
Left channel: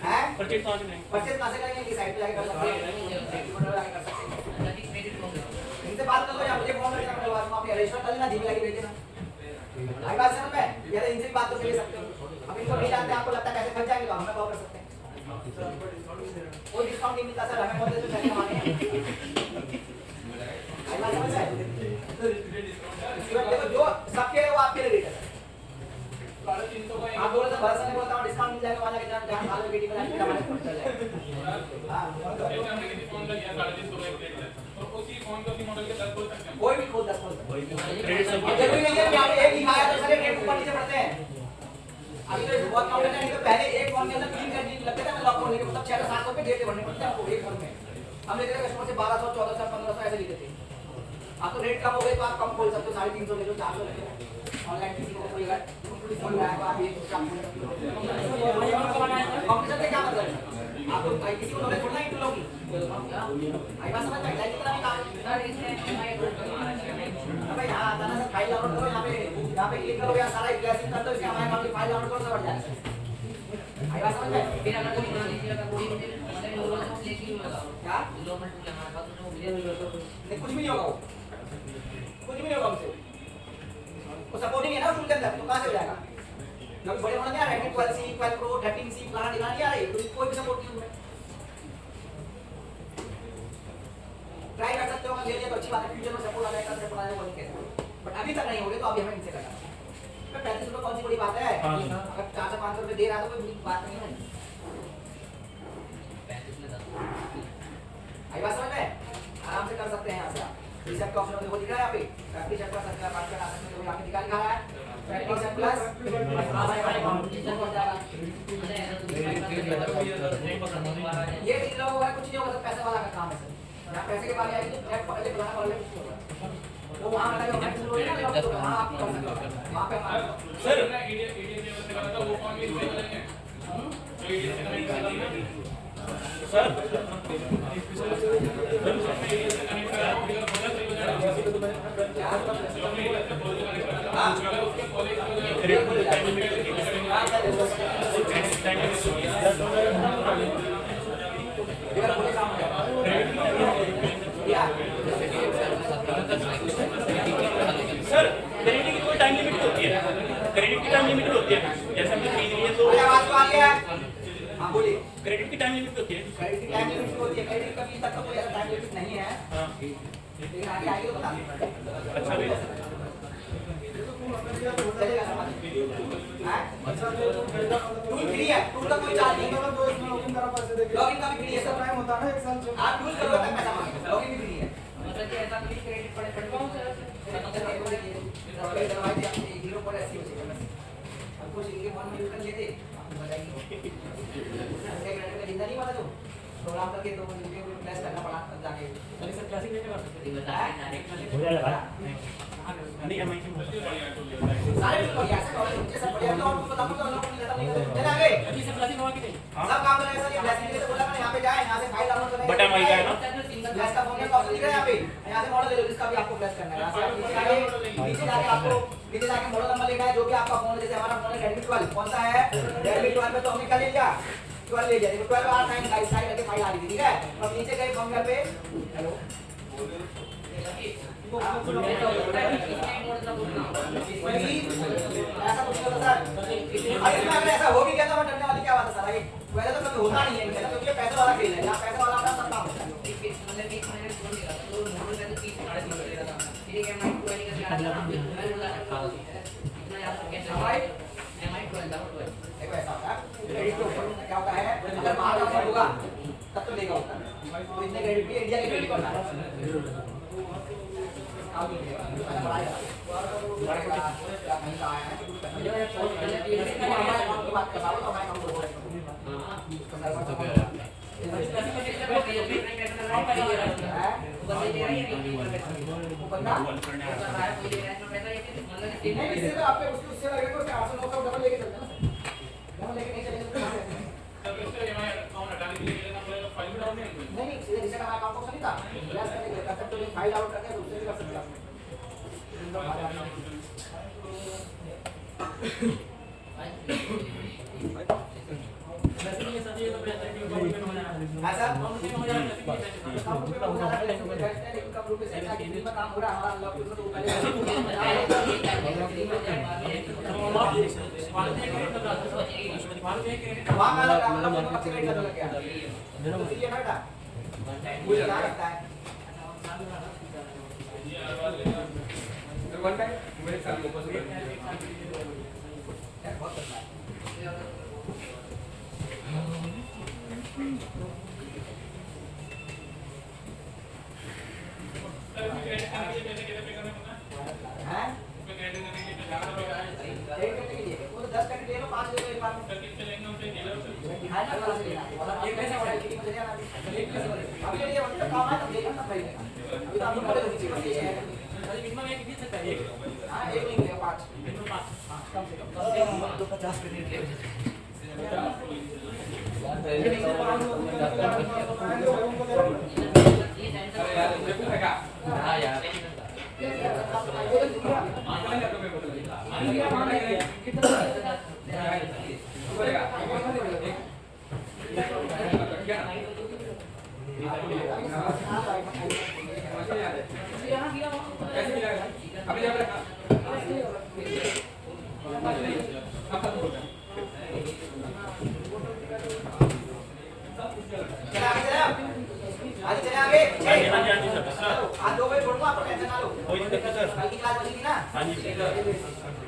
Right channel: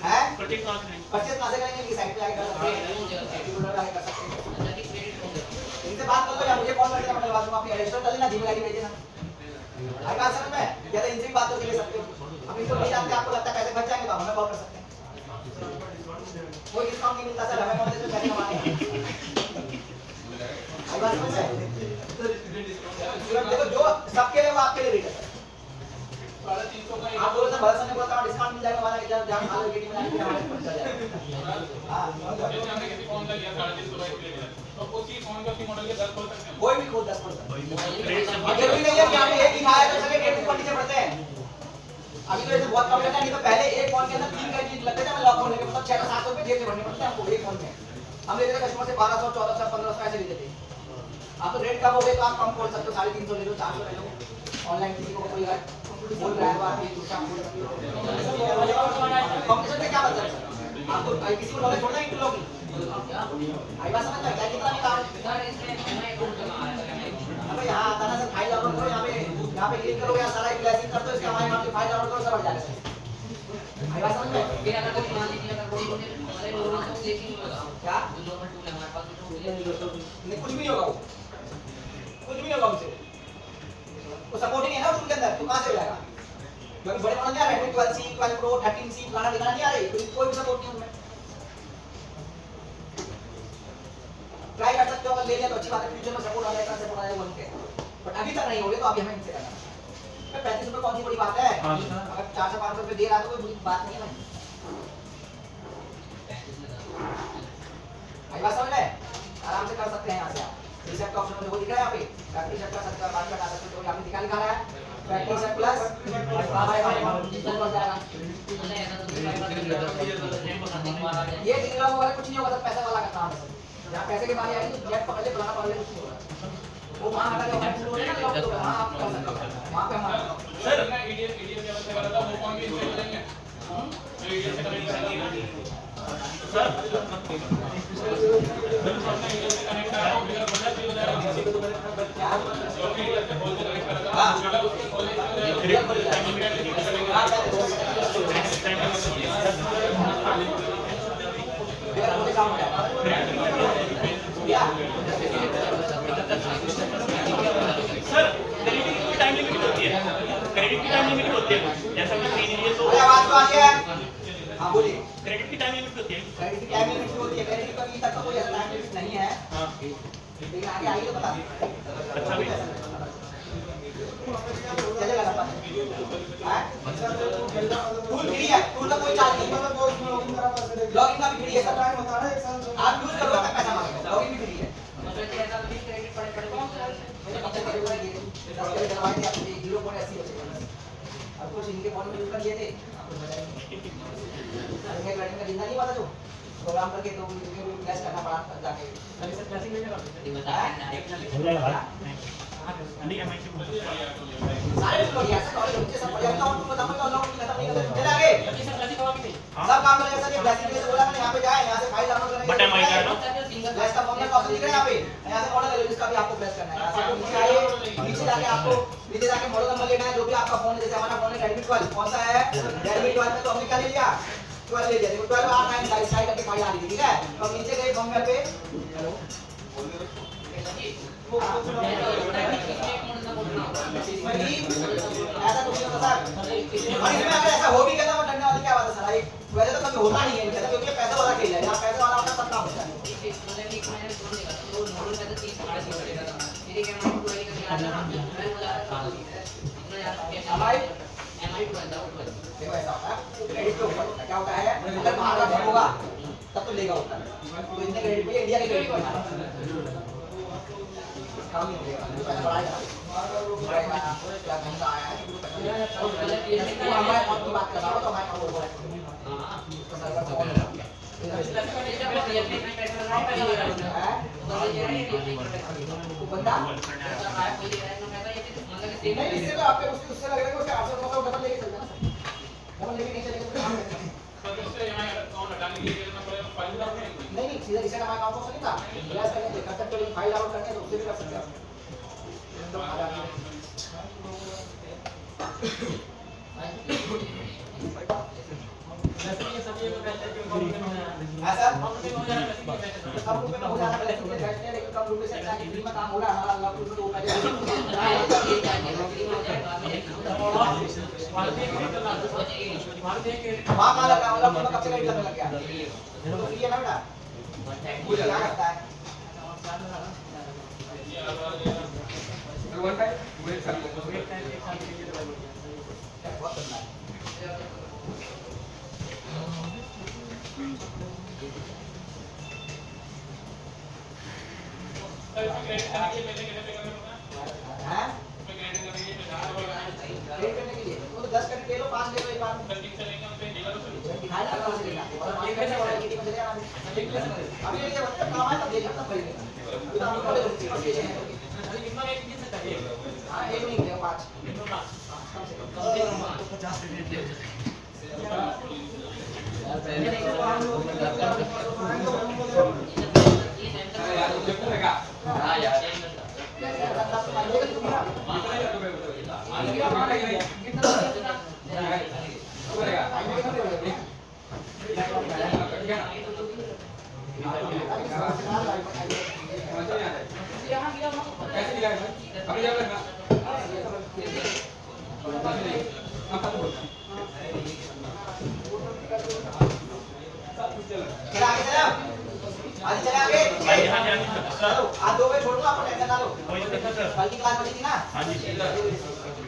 है परचेज कहां से करेंगे, कि साइट पे आके कर सकते हैं, इनसे बात कर लो या मुझे फोन करके मैं करवा दूंगा, अपनी रजिस्टर कर लेना, धीमे लगे भेज देना। आई बात समझ में, या तो इनसे भी बात करके ले सकते हो। अब इनको नहीं जानते, आपको लगता है कैसे बच जाएंगे तो हमें कॉल कर सकते हैं, कोई डिस्काउंट नहीं मिलता सर, हमें कॉल देते हैं हमारे। आई बात समझ में, देखो जो सबके लिए वो आपके लिए रेट है। आप बोलो सर भरोसा नहीं बोलता डिस्काउंट मिल जाएगा, वाला के जब आप हाल वेटिंग में आके हमारे पड़ जाएगा। हां कोई भी खोल 10 अगर भी नहीं है यहाँ पे एक ही खाया तो सारे रेट ऊपर नीचे बढ़ते हैं। अभी तो ऐसे बहुत कम करना, नहीं तो पहले एक फोन के अंदर 3 क्रेडिट लगते थे, मैं लॉक खोलने के मतलब 600-700 रुपए देते भरने पड़ते हमको एक फोन में। हम लेते थे कस्टमर से 1200 1400 1500 ऐसे लेते थे। आप तो रेट कम हो गए तो आप कम खोल सकते हो, 350 ले लो 400 ले लो। ऑनलाइन किसी को कोई अगर बोल रहा है तो आप ये कुछ काम खोल सकते हो। कॉम्पिटिशन से क्या मतलब है, आपको किसी को नॉलेज थोड़ा इंक्लूड होगी। आई बात समझ में, चाहे कितना भी काम सर इसमें एमआई टूल का अबे यहाँ आता ना सर, फाइल डाउनलोड करो, यहाँ पे क्लिक करो, यहाँ सारा क्लासिक कर दो, इसके हमारे नाम की फाइल डाउनलोड करो, सब बढ़ जाएगा। आई बात समझ में, फिर अगर कोई मान लीजिए अगर कोई मुझे मतलब लोगों को देखी होगा क्या लोकल टूल है हमारे पास तो मुझे नहीं, कुछ भी नहीं होगा वो, कुछ भी नहीं होगा उनसे, वो सपोर्ट ही नहीं है ना टूल के अंदर, तो कहाँ से हो जाएगा। क्योंकि बड़े मॉडल नहीं आ रहे हैं, 12C 12 प्रो 13C पुराना दिखाना नहीं आ रही, कोई भी सपोर्ट नहीं है उनमें। ट्राई कर सकते हो, अगर ले लिया तो अच्छी बात है, फ्यूचर में सपोर्ट आ जाएगा, सपोर्ट आ जाएगा उनके, बट अभी तक नहीं हो रहे तो अभी हमें इनसे करना है। 35 रुपए कौन सी बड़ी बात है, अगर 400-500 रुपए दे रहा है तो कोई बड़ी बात नहीं है। आई बात समझ में, आराम से कर सकते हैं यहाँ से। रिसेट का ऑप्शन वो दिख रहा है यहाँ पे, प्रैक्टिस सेट प्लस 70 आ सकते हो, आपने दिखा रहा है प्रैक्टिस सेट प्लस ये 3 लोगों वाला कुछ नहीं होगा, सब पैसे वाला का काम है। यहाँ पैसे के बारे आएगी चेक पकड़ ले, पुराना पकड़ ले, कुछ नहीं होगा। वो वहाँ लगा होगा, वहाँ आप कर सकते हो, वहाँ पे हमारा सर ईडीएम जब से करा था वो कौन के इसमें बदलेंगे जो ईडीएम से कनेक्ट करा था सर, कनेक्ट करा तो बिना बोलने से हो जाएगा, जो भी ईडीएम से बोल के कनेक्ट करा था हां उसको खोले सर क्रेडिट की कोई टाइम लिमिट होती है, क्रेडिट की टाइम लिमिट होती है, जैसे हमने खरीद लिया तो आवाज तो आ रही है। हाँ बोलिए। क्रेडिट की टाइम लिमिट होती है। क्रेडिट की टाइम लिमिट होती है, क्रेडिट का अभी तक तो कोई ऐसा टाइम लिमिट नहीं है, हाँ लेकिन आगे आएगी तो बता देंगे। अच्छा भी चलेगा ना पास? हैं? टूल फ्री है, टूल का कोई चार्ज नहीं है। लॉगिन का भी फ्री है सर। आप यूज करो तब पैसा मांगेगा, लॉगिन भी फ्री है। मतलब कि ऐसा नहीं क्रेडिट पड़े पड़े आपको इनके फोन में यूज कर लिए थे, एक लड़के का जिंदा नहीं हुआ था जो प्रोग्राम करके तो उनके भी फ्लैश करना पड़ा जाके। नहीं मैं सारे बिल्कुल बढ़िया सर, और मुझे सब बढ़िया तो आपको बताऊं तो लोग खत्म नहीं करते। चले आगे सब काम करेंगे सर। ये ब्लेसिंग के लिए तो बोला मैंने, यहाँ पे जाए, यहाँ से फाइल डाउनलोड करेंगे। बटन वही का है ना? ब्लेस का फॉर्मूला ऑप्शन दिख रहा है यहाँ पे, यहाँ से मॉडल ले लो जिसका भी आपको ब्लेस करना है। यहाँ से आप ऊपर आइए, नीचे जाके आपको नीचे जाके मॉडल नंबर लेना है जो भी आपका फोन है। जैसे हमारा फोन है Redmi 12, कौन सा है Redmi 12 में तो हमने क्या ले लिया 12 ले लिया। 12 आप 9 साइज करके फाइल आ गई, ठीक है। तो अब नीचे गए फॉर्मूला पे, हेलो ऐसा कुछ नहीं होता सर। और इसमें अगर ऐसा हो भी गया तो मैं डरने वाली क्या बात है सर। वैसे तो कभी होना नहीं है मतलब, क्योंकि पैसे वाला खेल है, यहाँ पैसे वाला अपना सब काम होता है। देखो ऐसा होता है, क्रेडिट के ऊपर क्या होता है, अगर बाहर का होगा तब तो लेगा होता है। तो इतने क्रेडिट भी इंडिया के क्रेडिट करना इससे तो आपके उससे लगेगा कि 800-900 डबल लेके चलना है, डबल लेके नहीं चलेगा तो कहाँ है? नहीं सीधा जिसका हमारा अकाउंट से नहीं था, ब्लेस करने के कर सकते हो, फाइल आउट करने तो उससे भी कर सकते हो। ऐसा हम लोग हो जाता है लेकिन कब लोग से एक्टिविटी में काम हो रहा है हमारा अल्लाह को तो पहले वहां का लगा मतलब कब से कब लग गया तो ये ना बेटा वो क्या करता है बहुत करना है।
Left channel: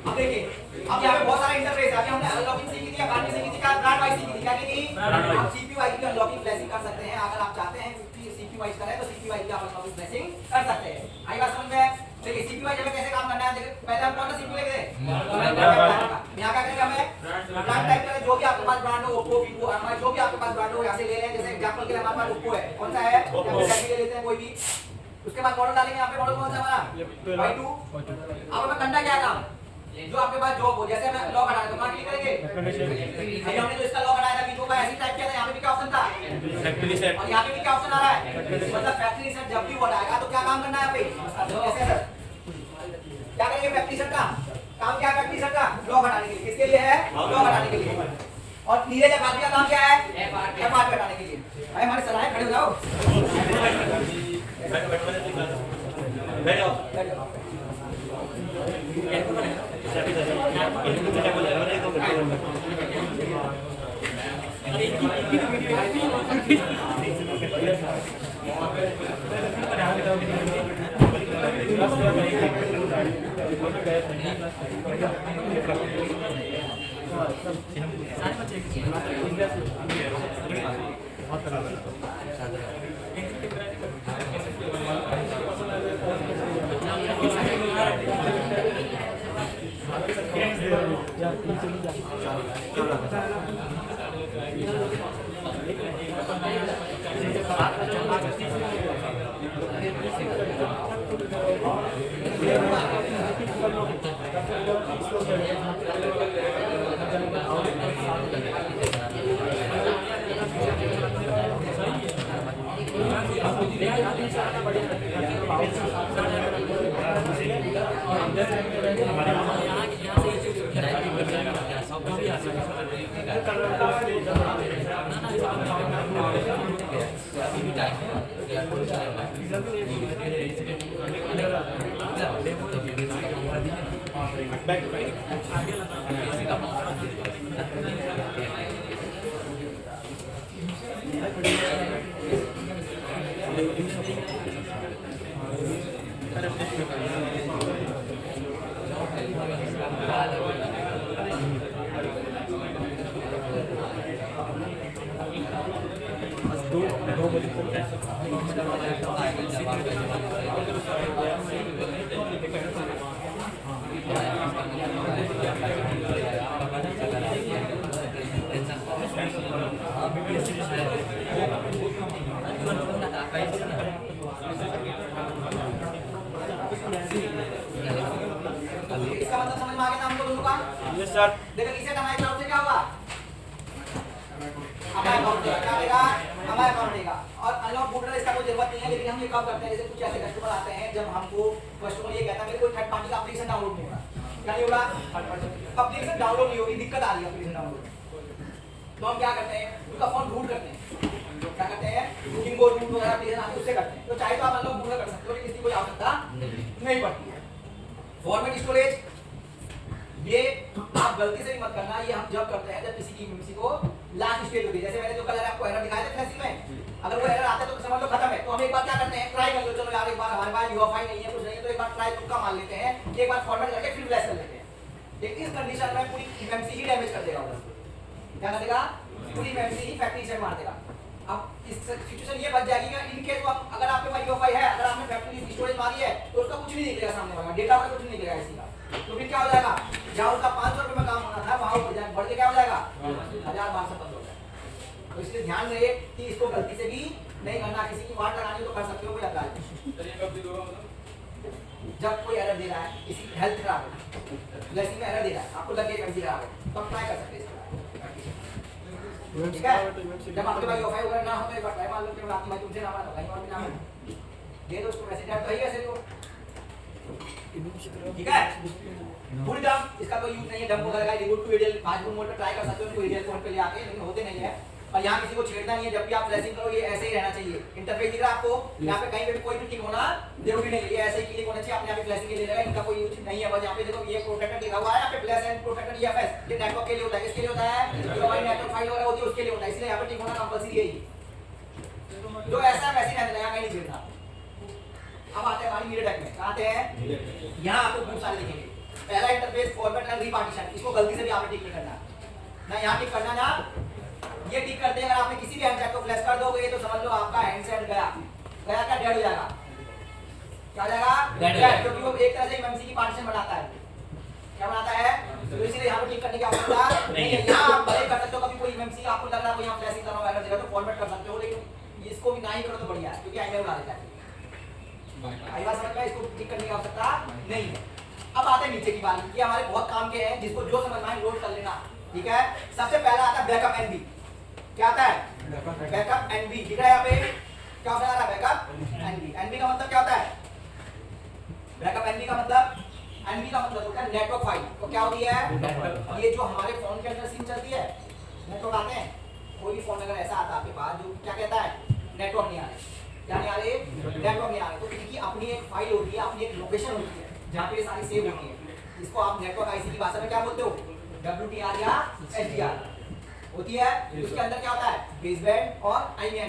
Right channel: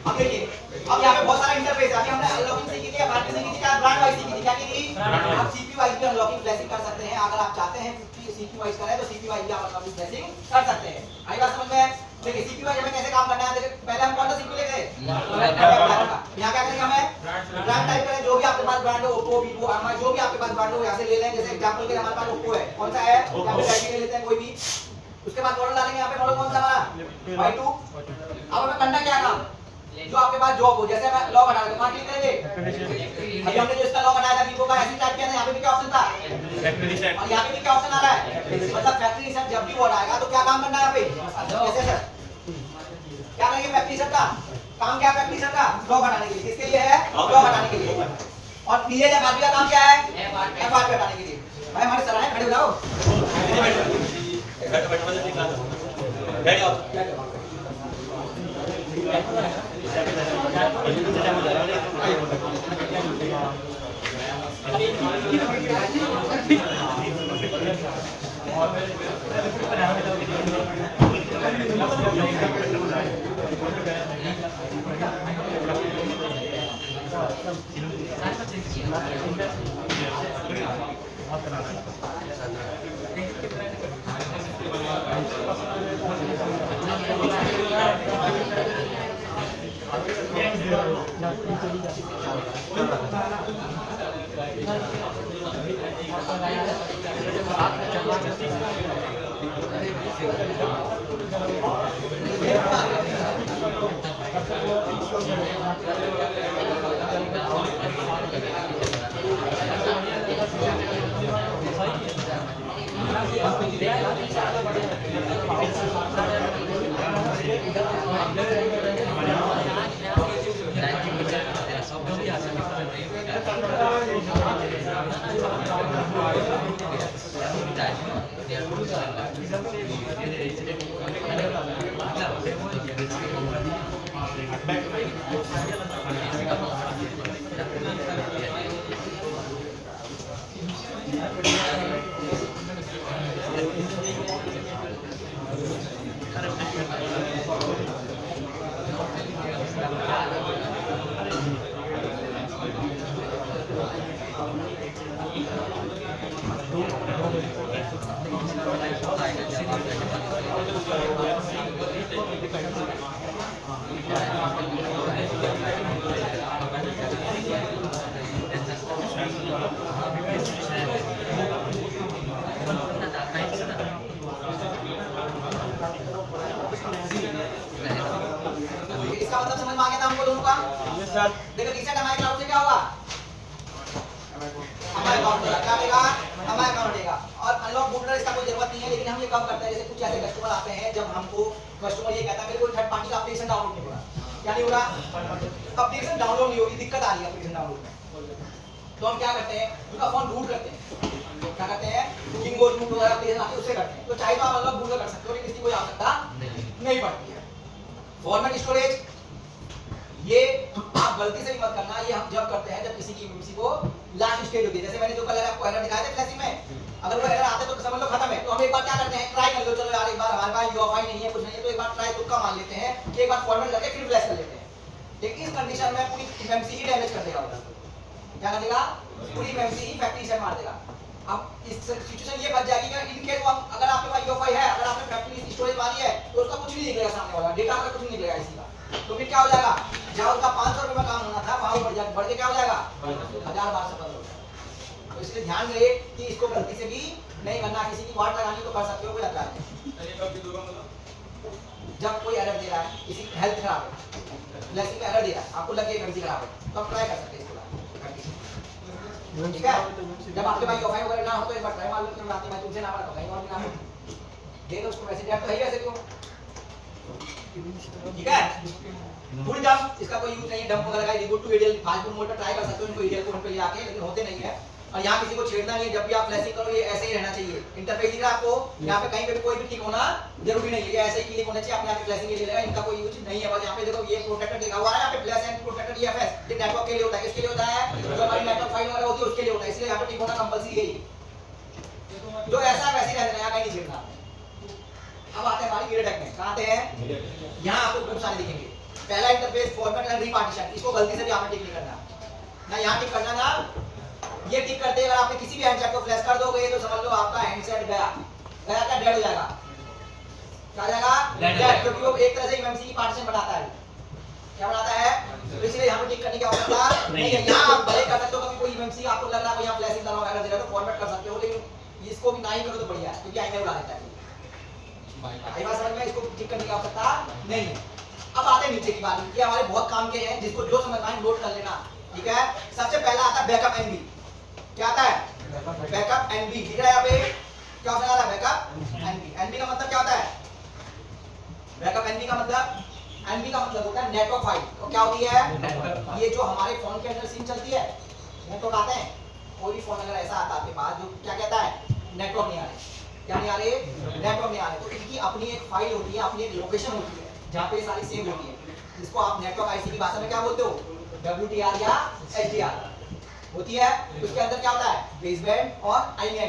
अब देखिए, अब यहाँ पे बहुत सारा इंटरफेस है। अभी हमने अनलॉकिंग सीखी थी, बाकी सीखी थी, क्या ब्रांड वाइज सीखी थी, क्या की थी? आप सीपीयू वाइज भी अनलॉकिंग ब्लेसिंग कर सकते हैं। अगर आप चाहते हैं सीपीयू वाइज करें तो सीपीयू वाइज भी आप अनलॉकिंग ब्लेसिंग कर सकते हैं। आई बात समझ में? देखिए सीपीयू वाइज हमें कैसे काम करना है। देखिए पहले हम कौन सा सीपीयू लेंगे? यहाँ क्या करेंगे हमें? ब्रांड टाइप करें, जो भी आपके पास ब्रांड हो, ओप्पो, वीवो, एमआई, जो भी आपके पास ब्रांड हो यहाँ से ले लें। जैसे एग्जांपल के लिए हमारे पास ओप्पो है, कौन सा है? या फिर रेडमी ले लेते हैं कोई भी। उसके बाद मॉडल डालेंगे, यहाँ पे मॉडल कौन सा हमारा Y2। अब हमें करना क्या काम, जो आपके पास जॉब हो। जैसे मैं लॉग हटा दूंगा, क्लिक करेंगे, अभी हमने जो इसका लॉग हटाया था वीवो का, ऐसे टाइप किया था, यहाँ पे भी क्या ऑप्शन था फैक्ट्री रीसेट, और यहाँ पे भी क्या ऑप्शन आ रहा है, मतलब फैक्ट्री रीसेट। जब भी वो हटाएगा तो क्या काम करना है यहाँ पे, कैसे सर क्या करेंगे फैक्ट्री रीसेट का काम, क्या फैक्ट्री रीसेट का लॉग हटाना और नीचे FRP का काम क्या है? FRP FRP हटाने के लिए। भाई हमारे सर आए, खड़े हो जाओ। बैठ जाओ। इसका मतलब समझ में आ गया था हमको दोनों का? Yes sir. देखो रीसेट हमारे क्लाउड से क्या होगा? हमारे अकाउंट में क्या आएगा? हमारे अकाउंट आएगा। और अनलॉक बूटर इसका कोई जरूरत नहीं है, लेकिन हम ये कब करते हैं, जैसे कुछ ऐसे कस्टमर आते हैं जब हमको कस्टमर ये कहता है कि कोई थर्ड पार्टी का एप्लीकेशन डाउनलोड नहीं हो रहा। क्या नहीं हो रहा? एप्लीकेशन डाउनलोड नहीं हो रही, दिक्कत आ रही है एप्लीकेशन डाउनलोड में। तो हम क्या करते हैं, उनका फोन रूट करते हैं। क्या करते हैं? किंगो रूट वगैरह एप्लीकेशन आते हैं, उससे करते हैं। तो चाहे तो आप अनलॉक बूटर कर सकते हो, लेकिन इसकी कोई आवश्यकता नहीं पड़ती है। फॉर्मेट स्टोरेज ये आप गलती से भी मत करना, ये हम जब करते हैं जब किसी की मेमोरी को लास्ट स्टेज होती है। जैसे मैंने जो कल आपको एरर दिखाया था फ्लैशिंग में, अगर वो एरर आते तो समझ लो खत्म है। तो हम एक बार क्या करते हैं, ट्राई कर लो, चलो यार एक बार हमारे पास यूएफआई नहीं है, कुछ नहीं है, तो एक बार ट्राई तुक्का मार लेते हैं, एक बार फॉर्मेट करके फिर फ्लैश कर लेते हैं। लेकिन इस कंडीशन में पूरी मेमोरी ही डैमेज कर देगा। क्या कर देगा? पूरी मेमोरी ही फैक्ट्री रीसेट मार देगा। अब इस सिचुएशन ये बच जाएगी कि इन केस अगर आपके पास यूएफआई है, अगर आपने फैक्ट्री स्टोरेज मारी है, तो उसका कुछ नहीं निकलेगा सामने वाला, डेटा का कुछ नहीं निकलेगा इसी का। तो फिर क्या हो जाएगा, जहाँ उसका 500 रुपए में काम होना था वहाँ बढ़ के क्या हो जाएगा 1000-1200 हो जाएगा। तो इसलिए ध्यान रहे कि इसको गलती से भी नहीं करना। किसी की वाट लगानी तो कर सकते हो, कोई लग रहा है जब कोई एरर दे रहा है, किसी की हेल्थ खराब है, ब्लेसिंग का एरर दे रहा है, आपको लगे एनर्जी खराब है, तो आप ट्राई कर सकते हैं इसको। ठीक है, जब आपके पास यूएफआई वगैरह ना हो तो एक बार ट्राई मार लो कि रात में तुमसे ना पड़ा तो कहीं और भी ना हो, दे दो उसको वैसे तो है ही वैसे भी हो। ठीक है, फुल डंप इसका कोई यूज नहीं है। डंप वगैरह का reboot to EDL fast mode पे ट्राई कर सकते हो, इनको एडीएल फोन पे ले आके, लेकिन होते नहीं है। और यहाँ किसी को छेड़ना नहीं है, जब भी आप फ्लैशिंग करो ये ऐसे ही रहना चाहिए। इंटरफेस दिख रहा है आपको, यहाँ पे कहीं पे भी कोई भी क्लिक होना जरूरी नहीं है, ये ऐसे ही क्लिक होना चाहिए। आप यहाँ पे फ्लैशिंग के लिए लगा, इनका कोई यूज नहीं है। बस यहाँ पे देखो ये प्रोटेक्टर लिखा हुआ है, यहाँ पे प्लस एंड प्रोटेक्टर ईएफएस, ये नेटवर्क के लिए होता है। किसके लिए होता है? जो हमारी नेटवर्क फाइल वगैरह होती है उसके लिए होता है, इसलिए यहाँ पे टिक होना कंपल्सरी है। जो ऐसा है वैसे ही रहने लगा, कहीं नहीं छेड़ना। अब आते हैं हमारी मीडियाटेक में, कहाँ आते हैं? यहाँ आपको बहुत सारे दिखेंगे। पहला इंटरफेस फॉर्मेट एंड रीपार्टीशन, इसको गलती से भी आपने टिक नहीं करना ना, यहाँ टिक करना ना, ये टिक करते हैं। अगर आपने किसी भी हैंडसेट को फ्लैश कर दोगे तो समझ लो आपका हैंडसेट गया क्या डेड हो जाएगा। क्या हो जाएगा? डेड, क्योंकि वो एक तरह से एमएमसी की पार्टीशन बनाता है। क्या बनाता है? तो इसलिए यहाँ पे टिक करने की आवश्यकता नहीं है। यहाँ आप भले कर सकते हो, कभी कोई एमएमसी आपको लग रहा है यहाँ फ्लैशिंग करना वगैरह दे रहा है तो फॉर्मेट कर सकते हो, लेकिन इसको भी ना ही करो तो बढ़िया है, क्योंकि आईने उड़ा देता है। आई बात समझ में? इसको टिक करने की आवश्यकता नहीं है। अब आते हैं नीचे की बात, ये हमारे बहुत काम के हैं, जिसको जो समझना है नोट कर लेना। ठीक है, सबसे पहला आता है बैकअप एनबी। क्या आता है? Backup NB. दिख रहा है यहाँ पे क्या होता है? Backup NB. एनबी का मतलब क्या होता है? बैकअप एनबी का मतलब, एनबी का मतलब होता है नेटवर्क फाइल। और क्या होती है? ये जो हमारे फोन के अंदर सिम चलती है, नेटवर्क आते हैं, कोई भी फोन अगर ऐसा आता है आपके पास जो क्या कहता है नेटवर्क नहीं आ रहे, क्या नहीं आ रहे, नेटवर्क नहीं आ रहे, तो इनकी अपनी एक फाइल होती है, अपनी एक लोकेशन होती है जहाँ पे ये सारी सेव होती है, जिसको आप नेटवर्क आईसी की भाषा में क्या बोलते हो, WTR या HDR होती है। उसके अंदर क्या होता है, बेसबैंड और IMEI।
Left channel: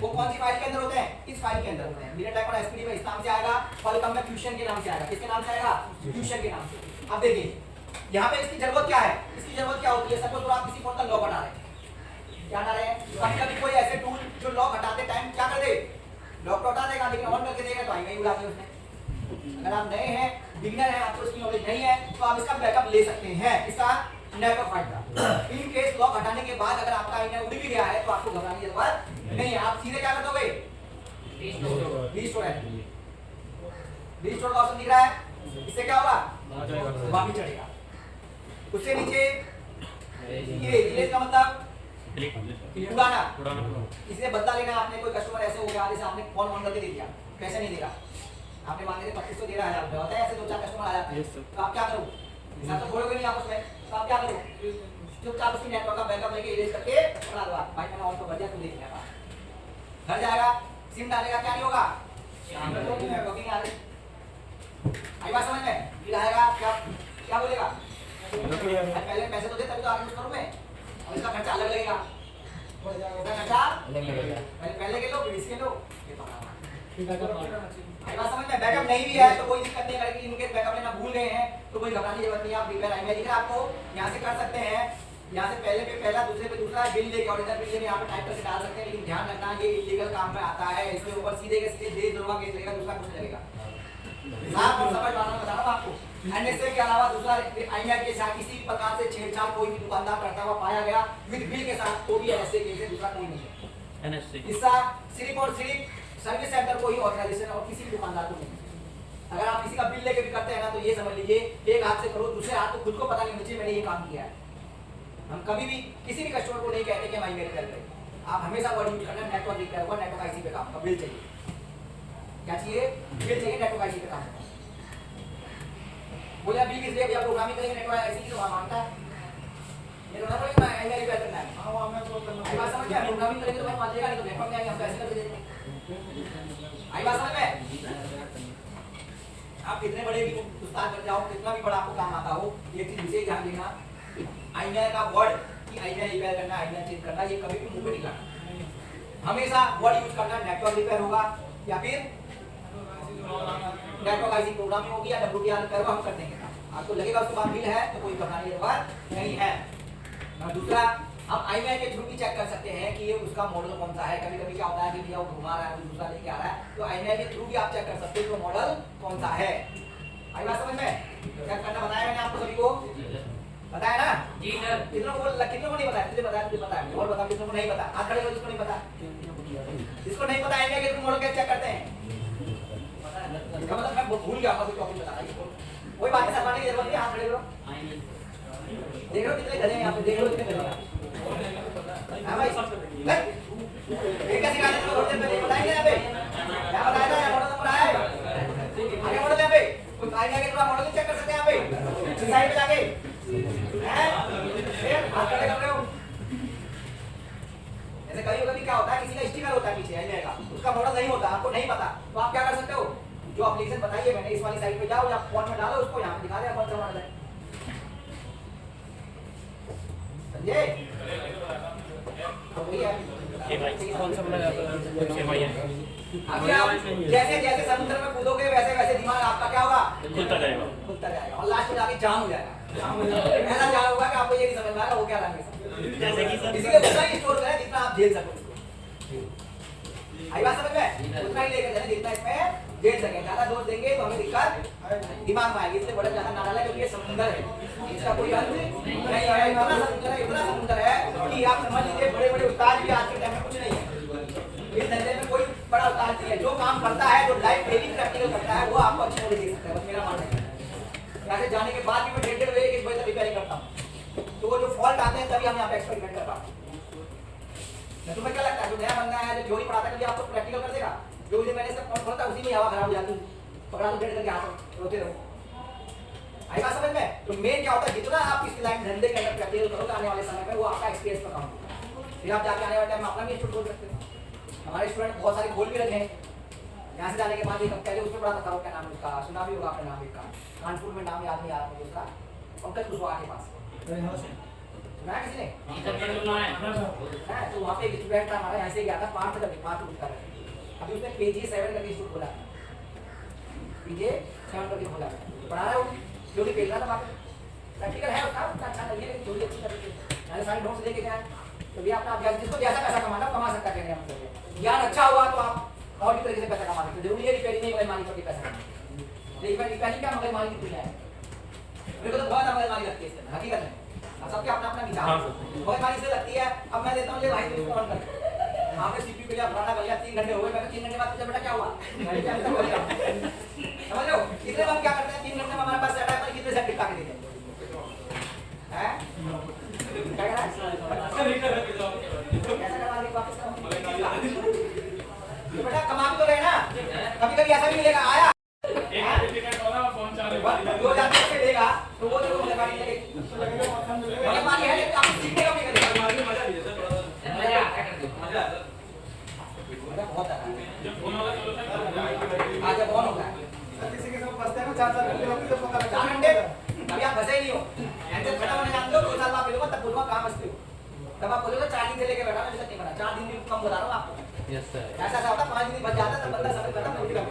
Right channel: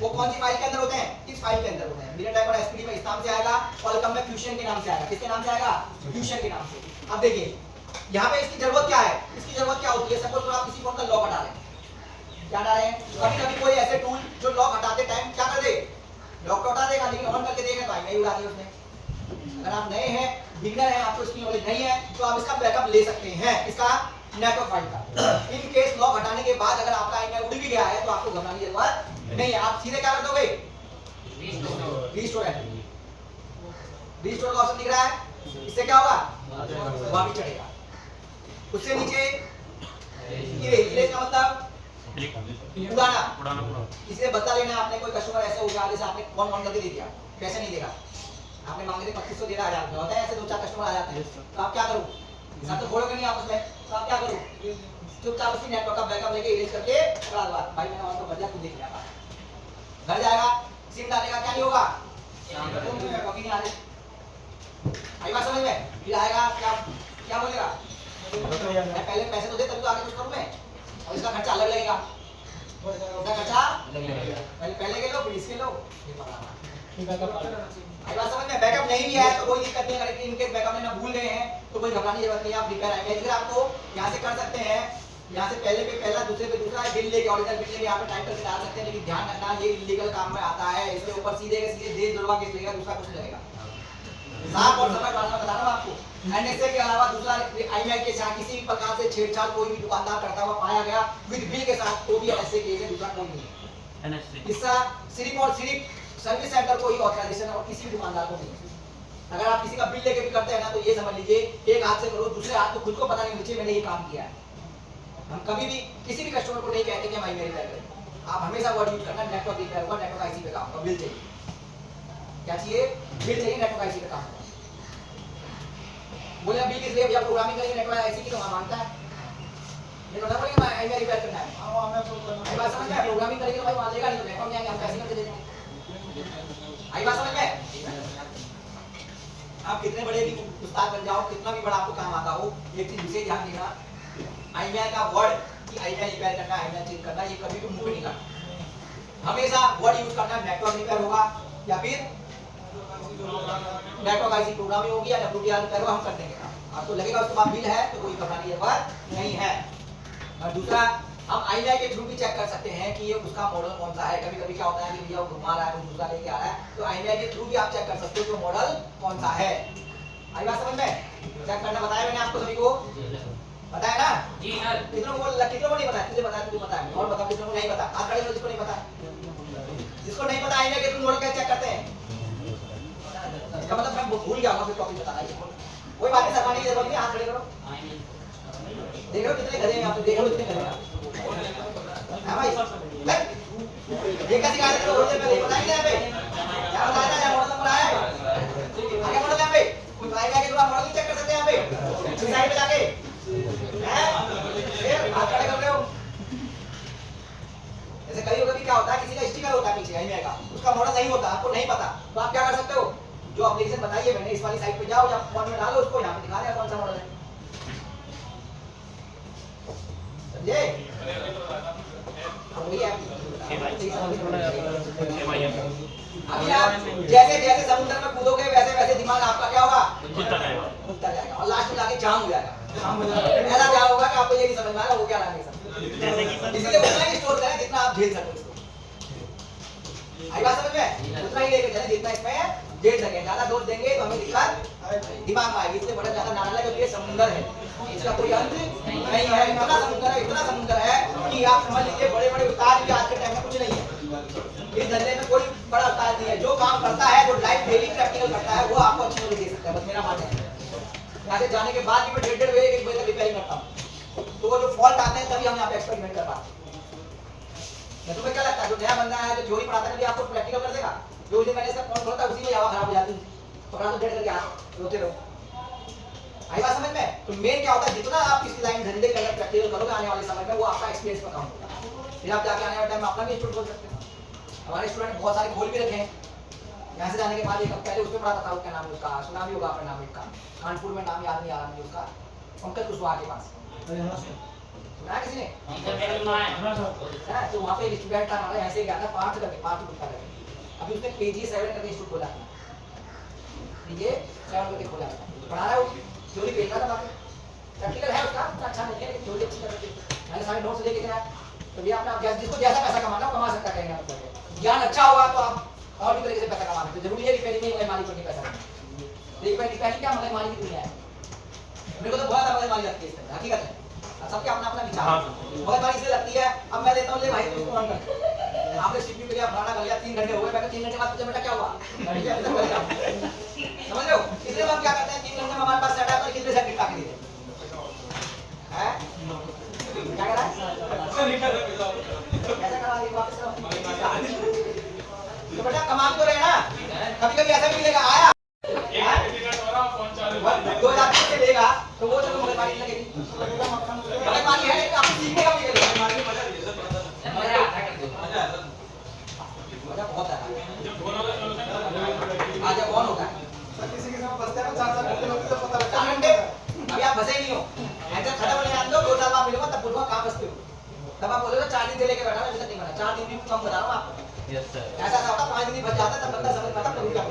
वो कौन सी फाइल के अंदर होते हैं, किस फाइल के अंदर होते हैं, मिनिट और SPD में इस नाम से आएगा, कॉलकम में फ्यूशन के नाम से आएगा, किसके नाम से आएगा, फ्यूशन के नाम से। अब देखिए यहाँ पे इसकी जरूरत क्या है, इसकी जरूरत क्या होती है, सपोज तो आप किसी फोन का लॉक हटा रहे हैं, क्या हटा रहे हैं, कभी कभी कोई ऐसे टूल जो लॉक हटाते टाइम क्या कर दे, लॉक तो हटा देगा लेकिन ऑन करके देगा तो आई नहीं उड़ा दी उसने। अगर आप नए हैं, बिगिनर हैं, आपको इसकी नॉलेज नहीं है, तो आप इसका बैकअप ले सकते हैं, इसका नेटवर्क फाइल का। इन केस लॉक हटाने के बाद अगर आपका आईना उड़ भी गया है तो आपको घबराने की जरूरत नहीं है, आप सीधे क्या कर दोगे, रीस्टोर है, रीस्टोर का ऑप्शन दिख रहा है, इससे क्या होगा, वापस चढ़ेगा। उससे नीचे ये इरेज का मतलब उड़ाना, इसलिए बदला लेना। आपने कोई कस्टमर ऐसे हो गया जैसे आपने फोन ऑन करके दे दिया, पैसे नहीं देगा, आपने मांगे थे 2500 दे रहा है, 1000 होता है, ऐसे 2-4 कस्टमर आ जाते हैं, तो आप क्या करो, सब तो छोड़ोगे नहीं आपस में, तो आप क्या करो, चुपचाप उसी नेटवर्क का बैकअप लेके इरेज करके पकड़ा दो, भाई मैंने ऑन तो कर दिया, तुम देख लेना, घर जाएगा, सिम डालेगा, क्या नहीं होगा, नेटवर्किंग आ रही, आई बात समझ में, फिर आएगा क्या क्या बोलेगा, पहले पैसे तो दे तभी तो आगे कुछ करूं मैं, और इसका खर्चा अलग लगेगा, इसका खर्चा पहले के लो फिर इसके लो, आई बात समझ में। बैकअप नहीं भी है तो कोई दिक्कत नहीं है, लेकिन इनके बैकअप लेना भूल गए हैं तो कोई घबराने की जरूरत नहीं है, आप रिपेयर आएंगे, लेकिन आपको यहाँ से कर सकते हैं, यहाँ से पहले पे पहला, दूसरे पे दूसरा, बिल लेके ओरिजिनल बिल लेके यहाँ पे टाइप करके डाल सकते हैं, लेकिन ध्यान रखना ये इलीगल काम में आता है, इसके ऊपर सीधे के सीधे देश द्रोह केस लगेगा, दूसरा कुछ लगेगा, साफ और समझ बात बता रहा हूँ आपको। NSA के अलावा दूसरा IMEI के साथ किसी भी प्रकार से छेड़छाड़ कोई भी दुकानदार करता हुआ पाया गया विद बिल के साथ, तो भी ऐसे केस है, दूसरा कोई नहीं है। हिस्सा सिर्फ और सिर्फ सर्विस सेंटर को ही ऑथराइजेशन और किसी भी दुकानदार को नहीं। अगर आप किसी का बिल लेके भी करते हैं ना तो ये समझ लीजिए एक हाथ से करो, दूसरे हाथ को खुद को पता नहीं नीचे मैंने ये काम किया है। हम कभी भी किसी भी कस्टमर को नहीं कहते कि हम IMEI रिपेयर करें, आप हमेशा वर्ड यूज करना, नेटवर्क रिपेयर हुआ, नेटवर्क आईसी पे काम, बिल चाहिए, क्या चाहिए, बिल चाहिए, नेटवर्क आईसी पे काम। बोले बिल किस लिए भैया, प्रोग्रामिंग करेंगे नेटवर्क आईसी की तो वहां मांगता है, ये मतलब बोलेगा मैं IMEI रिपेयर करना है, हां मैं बात समझ में, प्रोग्रामिंग करेंगे तो भाई मान लेगा, नहीं तो नेटवर्क में आएंगे हम पैसे करके दे देंगे, आई बात समझ में। आप कितने बड़े भी उस्ताद बन जाओ, कितना भी बड़ा आपको काम आता हो, ये चीज विशेष ध्यान देना, IMEI का वर्ड कि IMEI रिपेयर करना, IMEI चेंज करना, ये कभी भी मुंह पे नहीं लगना, हमेशा वर्ड यूज करना, नेटवर्क रिपेयर होगा या फिर नेटवर्क आईसी प्रोग्रामिंग होगी या WTR रिपेयर होगा, हम कर देंगे। आपको लगेगा उसके बाद बिल है तो कोई घबराने की जरूरत नहीं है। और दूसरा, हम IMEI के थ्रू भी चेक कर सकते हैं कि ये उसका मॉडल कौन सा है। कभी कभी क्या होता है कि भैया घुमा रहा है, कुछ दूसरा लेके आ रहा है, तो IMEI के थ्रू भी आप चेक कर सकते हो कि मॉडल कौन सा है। आई बात समझ में, चेक करना बताया मैंने आपको सभी को, बताया ना जी सर। कितनों को नहीं बताया, तुझे बताया, तुझे पता है, और बताओ कितनों को नहीं पता, हाथ खड़े करो जिसको नहीं पता, जिसको नहीं पता IMEI के थ्रू मॉडल कैसे चेक करते हैं, इसका मतलब मैं भूल गया हूं, टॉपिक बताना है, कोई बात नहीं, सरवाने की जरूरत नहीं, हाथ खड़े करो, देख रहे हो कितने गधे हैं यहाँ पे, देख लो कितने गधे हैं, हां भाई ये कैसे गाने तो बोलते पहले बताएंगे यहाँ पे, क्या बताया था, मॉडल नंबर है आगे, मॉडल यहाँ पे कोई आएगा कि थोड़ा मॉडल चेक कर सकते हैं यहाँ पे साइड पे जाके, हैं फिर हाथ खड़े कर रहे हो। ऐसे कई कभी क्या होता है, किसी का स्टिकर होता है पीछे IMEI का, उसका मॉडल नहीं होता, आपको नहीं पता, तो आप क्या कर सकते हो, जो एप्लीकेशन बताइए मैंने इस वाली साइट पे जाओ या फोन में डालो, उसको यहाँ पे दिखा दें कौन सा मॉडल है, समझे, वही है। अभी आप जैसे जैसे समुद्र में कूदोगे वैसे वैसे दिमाग आपका क्या होगा, खुलता जाएगा और लास्ट में जाके जाम हो जाएगा, ऐसा क्या होगा कि आपको ये नहीं समझ में आएगा वो क्या लागे सब, इसलिए उतना ही स्टोर करें जितना आप झेल सको इसको, आई बात समझ में, उतना ही लेकर चलें जितना इसमें झेल सके, ज्यादा डोज देंगे तो हमें दिक्कत दिमाग में आएगी, इसलिए बड़ा ज्यादा नाराज है क्योंकि ये समुद्र है, इसका कोई अंत नहीं है, इतना समुद्र है कि आप समझ लीजिए बड़े बड़े उस्ताद भी आज के टाइम में कुछ नहीं है, इस धंधे में कोई बड़ा उस्ताद नहीं है, जो काम करता है वो लाइफ डेली प्रैक्टिकल करता है, वो आपको अच्छी नॉलेज दे सकता है, बस मेरा मानना है। यहाँ से जाने के बाद भी मैं 1.5 बजे 1 बजे तक रिपेयरिंग करता हूँ, तो वो जो फॉल्ट आते हैं तभी हम यहाँ पे एक्सपेरिमेंट कर पाते हैं। तुम्हें क्या लगता है जो नया बंदा है जो थ्योरी पढ़ाता है कभी आपको प्रैक्टिकल कर देगा, जो उसे मैंने सब फोन खोलता उसी में यावा खराब हो जाती है, पकड़ा तो 1.5 करके आते रोते रहो, आई बात समझ में? तो मेन क्या होता है, जितना आप इस लाइन धंधे के अंदर प्रैक्टिकल करोगे आने वाले समय में, वो आपका एक्सपीरियंस पर काउंट होगा। फिर आप जाके आने वाले टाइम में अपना भी इंस्टीट्यूट खोल सकते हो। हमारे स्टूडेंट बहुत सारे खोल भी रखे हैं। यहाँ से जाने के बाद एक हम पहले उसमें पढ़ा था, क्या नाम है उसका, सुना भी होगा आपने नाम इसका, कानपुर में नाम याद नहीं आ रहा मुझे उसका, पंकज कुशवाहा के पास सुना किसी ने? तो वहाँ पे स्टूडेंट था हमारा, ऐसे गया था 5 ग्रुप का। अभी उसने PG 7 करके इंस्टीट्यूट खोला है, PG 7 करके खोला है, पढ़ा रहा है वो, जो भी खेल रहा था वहाँ पे। प्रैक्टिकल है उसका, उतना अच्छा नहीं है लेकिन जो भी अच्छी तरह से मैंने सारे नोट्स लेके गया। तो भी अपना अभ्यास, जिसको जैसा पैसा कमाना हो कमा सकता, कहेंगे मतलब ज्ञान अच्छा होगा तो आप और भी तरीके से पैसा कमा सकते। जरूरी है कि पहले नहीं मालिक पर पैसा कमाना, लेकिन पहले क्या मगर मालिक की दुनिया है। मेरे को तो बहुत मगर मालिक लगती है इसमें, हकीकत है सबके अपना अपना विचार बहुत मालिक से लगती है। अब मैं देता हूँ, ले भाई तू इसको ऑन कर, आपने CPU के लिए अपना कर लिया, 3 घंटे हो गए, मैं 3 घंटे बाद पूछा बेटा क्या हुआ, घंटे क्या मतलब कर लिया, समझ रहे हो? इसलिए हम क्या करते हैं, 3 घंटे में हमारे पास सेट है, कितने सेट टिका के देते हैं, क्या कह रहा है, ऐसा करवा दी वापस तो बेटा कमा तो रहे ना, कभी कभी ऐसा भी मिलेगा, आया दो हजार से लेगा तो वो जरूर मगजमारी लगेगी, मगजमारी है लेकिन आपको सीखने का भी मिलेगा, मजा बहुत आता है। आज जब कौन होता है किसी के साथ फंसते हैं ना 4 घंटे लगते तो पता लगता है 4 घंटे अभी आप फंसे ही नहीं हो, ऐसे खत्म होने आते हो 2 साल बाद मिलूंगा तब पूछूंगा कहाँ फंसते हो, तब आप बोलोगे 4 दिन से लेके बैठा मैं नहीं बना, 4 दिन भी कम बता रहा हूँ आपको। यस सर, ऐसा था 5 दिन बच जाता तब बंदा समझ खत्म हो गया,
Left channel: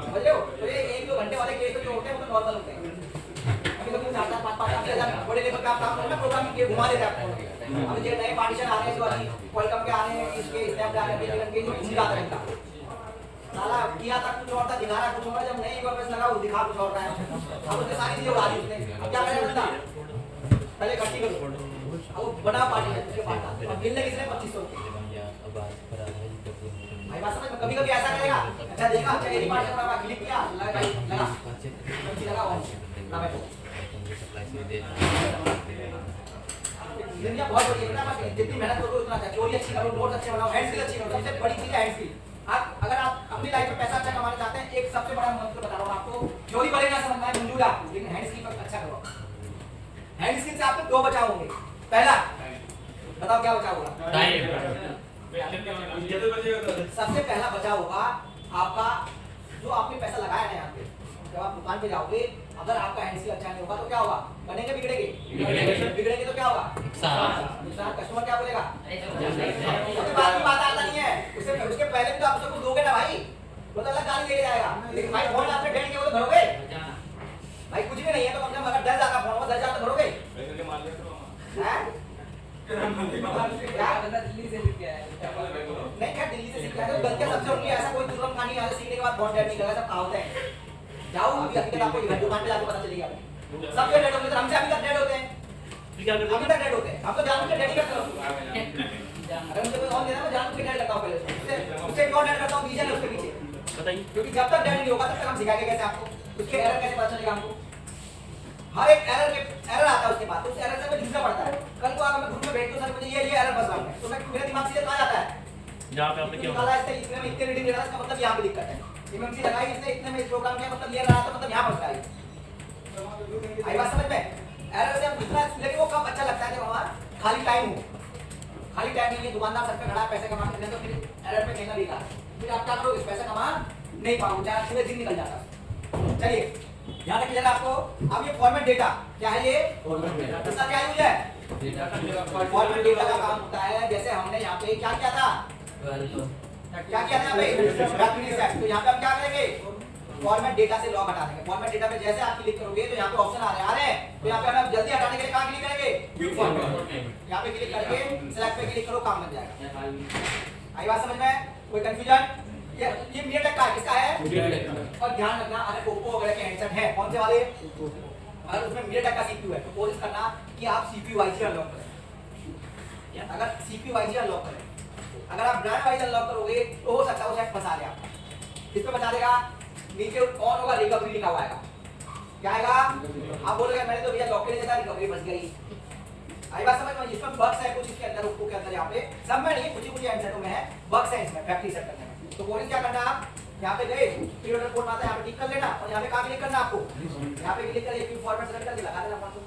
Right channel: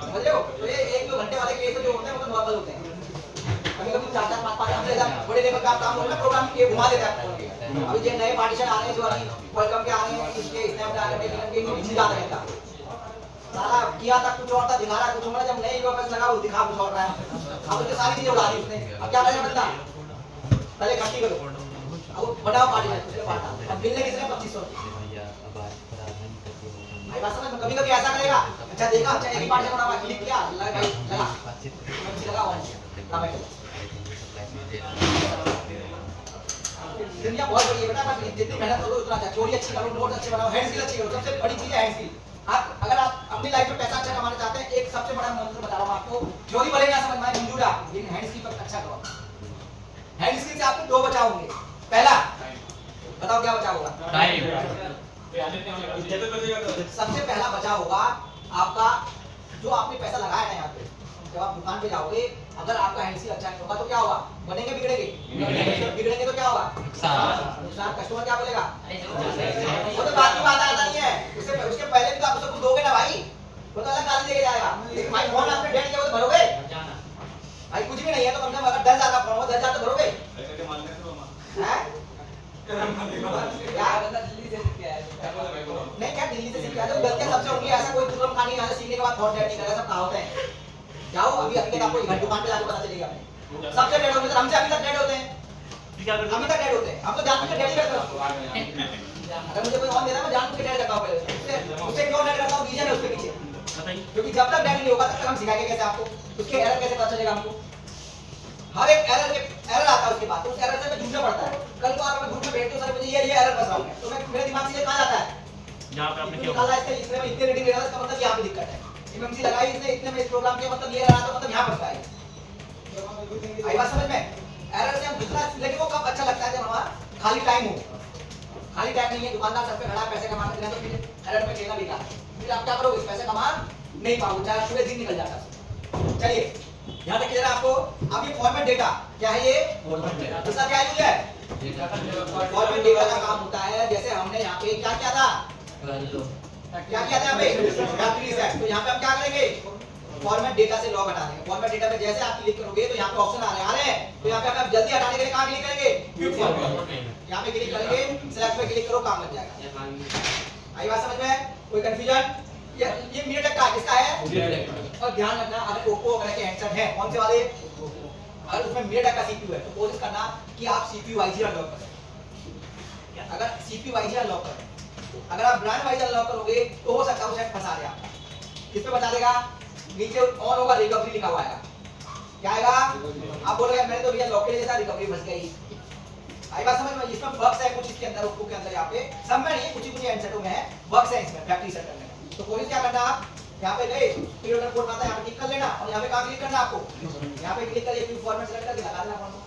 समझ रहे हो? तो ये 1-2 घंटे वाले केस जो होते हैं वो तो नॉर्मल होते हैं, कभी कभी 4-4 5-5 घंटे जब बड़े लेवल का काम होता है प्रोग्राम के घुमा देता है। अभी जो नए पार्टीशन आ रहे हैं, जो अभी वेलकम के आ रहे हैं, इसके स्नैप आ रहे हैं, इनके इनमें सीधा रहता है साला किया था कुछ और था, दिखा रहा कुछ और, जब नए वापस लगा वो दिखा कुछ और रहा है, अब उसके सारी चीजें उड़ा दी उसने। अब क्या करेगा बंदा, पहले इकट्ठी करो, अब बनाओ पार्टीशन, उसके बाद अब मिलने किसने 2500 भाई बात समझ में? कभी कभी ऐसा करेगा, अच्छा देखा अच्छा एक पार्टीशन बना क्लिक किया, लगा भाई लगा ऑन ना भाई दुनिया बहुत बड़ी है बेटा, मैं जितनी मेहनत करो उतना अच्छा, चोरी अच्छी करो, नोट अच्छे बनाओ, हैंड स्किल अच्छी करो, सबसे बड़ी चीज है हैंड स्किल। आप अगर आप अपनी लाइफ में पैसा अच्छा कमाना चाहते हैं, एक सबसे बड़ा मंत्र बता रहा हूं आपको, चोरी भले ना समझ में आए मंजूर है आपको, लेकिन हैंड स्किल पर अच्छा करो। हैंड स्किल से आपको 2 बचाव होंगे, पहला बताओ क्या बचाव होगा, सबसे पहला बचाव होगा आपका, जो आपने पैसा लगाया है यहाँ पे, जब आप दुकान पे जाओगे अगर आपका हैंड स्किल अच्छा नहीं होगा तो क्या होगा, बनेंगे बिगड़ेंगे, बिगड़ेंगे तो क्या होगा नुकसान, कस्टमर क्या बोलेगा, वो तो बात की बात आता नहीं है, उसके पहले भी तो आप उसको कुछ दोगे ना भाई, वो तो अलग गाली देके जाएगा, लेकिन भाई फोन आपने 1.5 किया वो तो भरोगे भाई, कुछ भी नहीं है तो कम से कम अगर 10,000 का फोन हो 10,000 तो भरोगे हैं? नहीं क्या दिल्ली से सीख के आए हो, गलतियां सबसे होंगी, ऐसा कोई तुरंत कहानी यहाँ से सीखने के बाद फोन डेड नहीं लगा, सब कहावत है। जाओ अभी हकीकत आपको घर दुकान पे जाके पता चलेगा, सबसे डेड होते हैं, हमसे अभी तक डेड होते हैं, अभी तक डेड होते हैं, हम तो जानबूझ के डेड ही करते हैं। अगर मुझे कोई ऑन देना मैं जानबूझ के डेड करता हूँ, पहले उससे क्यों डेड करता हूँ, रीजन है उसके पीछे, क्योंकि जब तक डेड नहीं होगा तब तक हम सिखाएंगे कैसे आपको, उसके एरर कैसे पता चलेगा हमको, हर एक एरर आता है उसके बाद, तो उस एरर से मैं ढूंढना पड़ता है। कल को आप हमें ग्रुप में भेजते हो सर मुझे ये एरर फंसा है, तो मैं मेरे दिमाग से कहाँ जाता है, जहाँ पे आपने क्या निकाला इससे इसमें इतने रीडिंग ले रहा था, इसका मतलब यहाँ पे दिक्कत है, एमएमसी लगाई इसने इतने में इस प्रोग्राम के मतलब ये रहा तो मतलब यहाँ फंस गया, आई बात समझ में? एरर से हम जितना, लेकिन वो कब अच्छा लगता है जब हमारा खाली टाइम हो, खाली टाइम नहीं है, दुकानदार सब पे खड़ा पैसे कमाते हैं, तो फिर एरर में खेलना बेकार, फिर आप क्या करोगे, पैसे कमा नहीं पाओगे, चाहे पूरे दिन निकल जाता है। चलिए ध्यान रखिए जरा आपको, अब ये फॉर्मेट डेटा क्या है, ये इसका क्या यूज है, फॉर्मेट डेटा का काम होता है, जैसे हमने यहाँ पे क्या किया था, क्या किया था यहाँ पे, तो यहाँ पे हम क्या करेंगे, फॉर्मेट डेटा से लॉग हटा देंगे, फॉर्मेट डेटा में जैसे आप क्लिक करोगे तो यहाँ पे ऑप्शन आ रहे हैं, तो यहाँ पे हम जल्दी हटाने के लिए कहाँ क्लिक करेंगे, व्यू फॉर्मेट, यहाँ पे क्लिक करके सिलेक्ट पे क्लिक करो, काम लग जाएगा। आई बात समझ में? कोई कंफ्यूजन? ये मीडियाटेक का किसका है, और ध्यान रखना अगर ओप्पो वगैरह के हैंडसेट हैं, कौन से वाले, अगर उसमें मीडियाटेक का सीपीयू है तो कोशिश करना कि आप सीपीयू वाइज अनलॉक करें, अगर सीपीयू वाइज अनलॉक करें, अगर आप ब्रांड वाइज अनलॉक करोगे तो हो सकता है वो शायद फंसा दे आपको, किस पे फंसा देगा, नीचे ऑन होगा रिकवरी लिखा हुआ आएगा, क्या आएगा, आप बोलोगे मैंने तो भैया लॉक के लिए था रिकवरी फंस गई, आई बात समझ में? इसमें बग्स है कुछ इसके अंदर, ओप्पो के अंदर, यहाँ पे सब में नहीं, कुछ ही हैंडसेटों में है बग्स है, इसमें फैक्ट्री सेट करने में, तो कोशिश क्या करना आप यहाँ पे गए पीरियड का कोड आता है, यहाँ पे टिक कर लेना और यहाँ पे कहाँ क्लिक करना है आपको, यहाँ पे क्लिक करके फॉर्मेट सेलेक्ट करके लगा देना फोन को,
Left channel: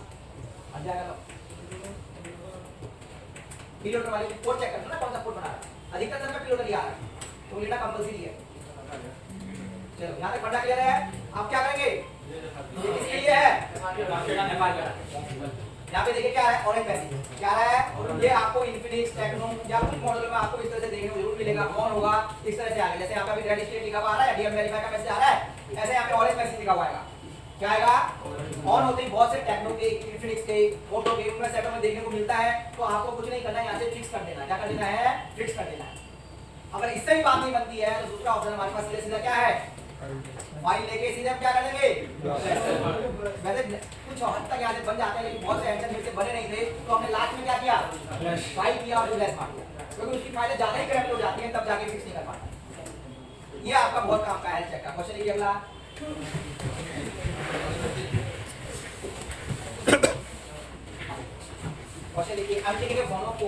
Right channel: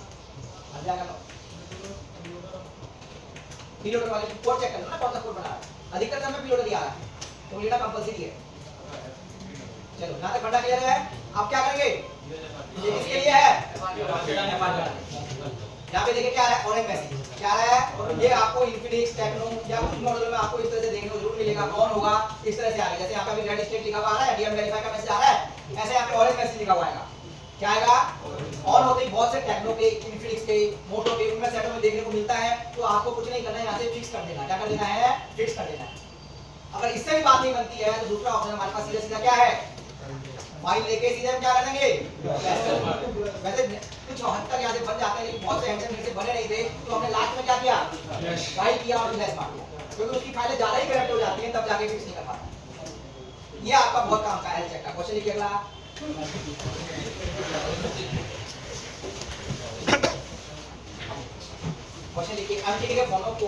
अध्याय कर लो। पीरियड वाले की कोड चेक करना ना, कौन सा कोड बना है, अधिकतर समय पीरियड लिया है तो लेना कंपलसरी है। चलो यहाँ तक फंडा क्लियर है। अब क्या करेंगे, ये किसके लिए है, यहाँ पे देखिए क्या है, ऑरेंज मैसेज क्या है, ये आपको इन्फिनिक्स टेक्नो या कुछ मॉडल में आपको इस तरह से देखने को जरूर मिलेगा, कौन होगा इस तरह से आएगा, जैसे यहाँ पे रेड स्टेट लिखा हुआ आ रहा है, डीएम वेरीफाई का मैसेज आ रहा है, ऐसे यहाँ पे ऑरेंज मैसेज लिखा हुआ आएगा, क्या आएगा, ऑन होते ही बहुत से टेक्नो के, इन्फिनिक्स के, मोटो के, उनमें सेटों में देखने को मिलता है, तो आपको कुछ नहीं करना है, यहाँ से फिक्स कर देना, क्या कर देना है, फिक्स कर देना है। अगर इससे भी बात नहीं बनती है तो दूसरा ऑप्शन हमारे पास सीधा सीधा क्या है, फाइल लेके सीधे हम क्या कर देंगे, वैसे कुछ हद तक यहाँ से बन जाते हैं, लेकिन बहुत से एंसर मेरे से बने नहीं थे, तो हमने लास्ट में क्या किया, फाइल किया और फ्लैश मार दिया, क्योंकि उसकी फाइलें ज्यादा ही करप्ट हो जाती हैं, तब जाके फिक्स नहीं कर पाता। ये आपका बहुत काम का हेल्थ चेक का क्वेश्चन लिखिए अगला। क्वेश्चन लिखिए एमटीके के फॉर्म को,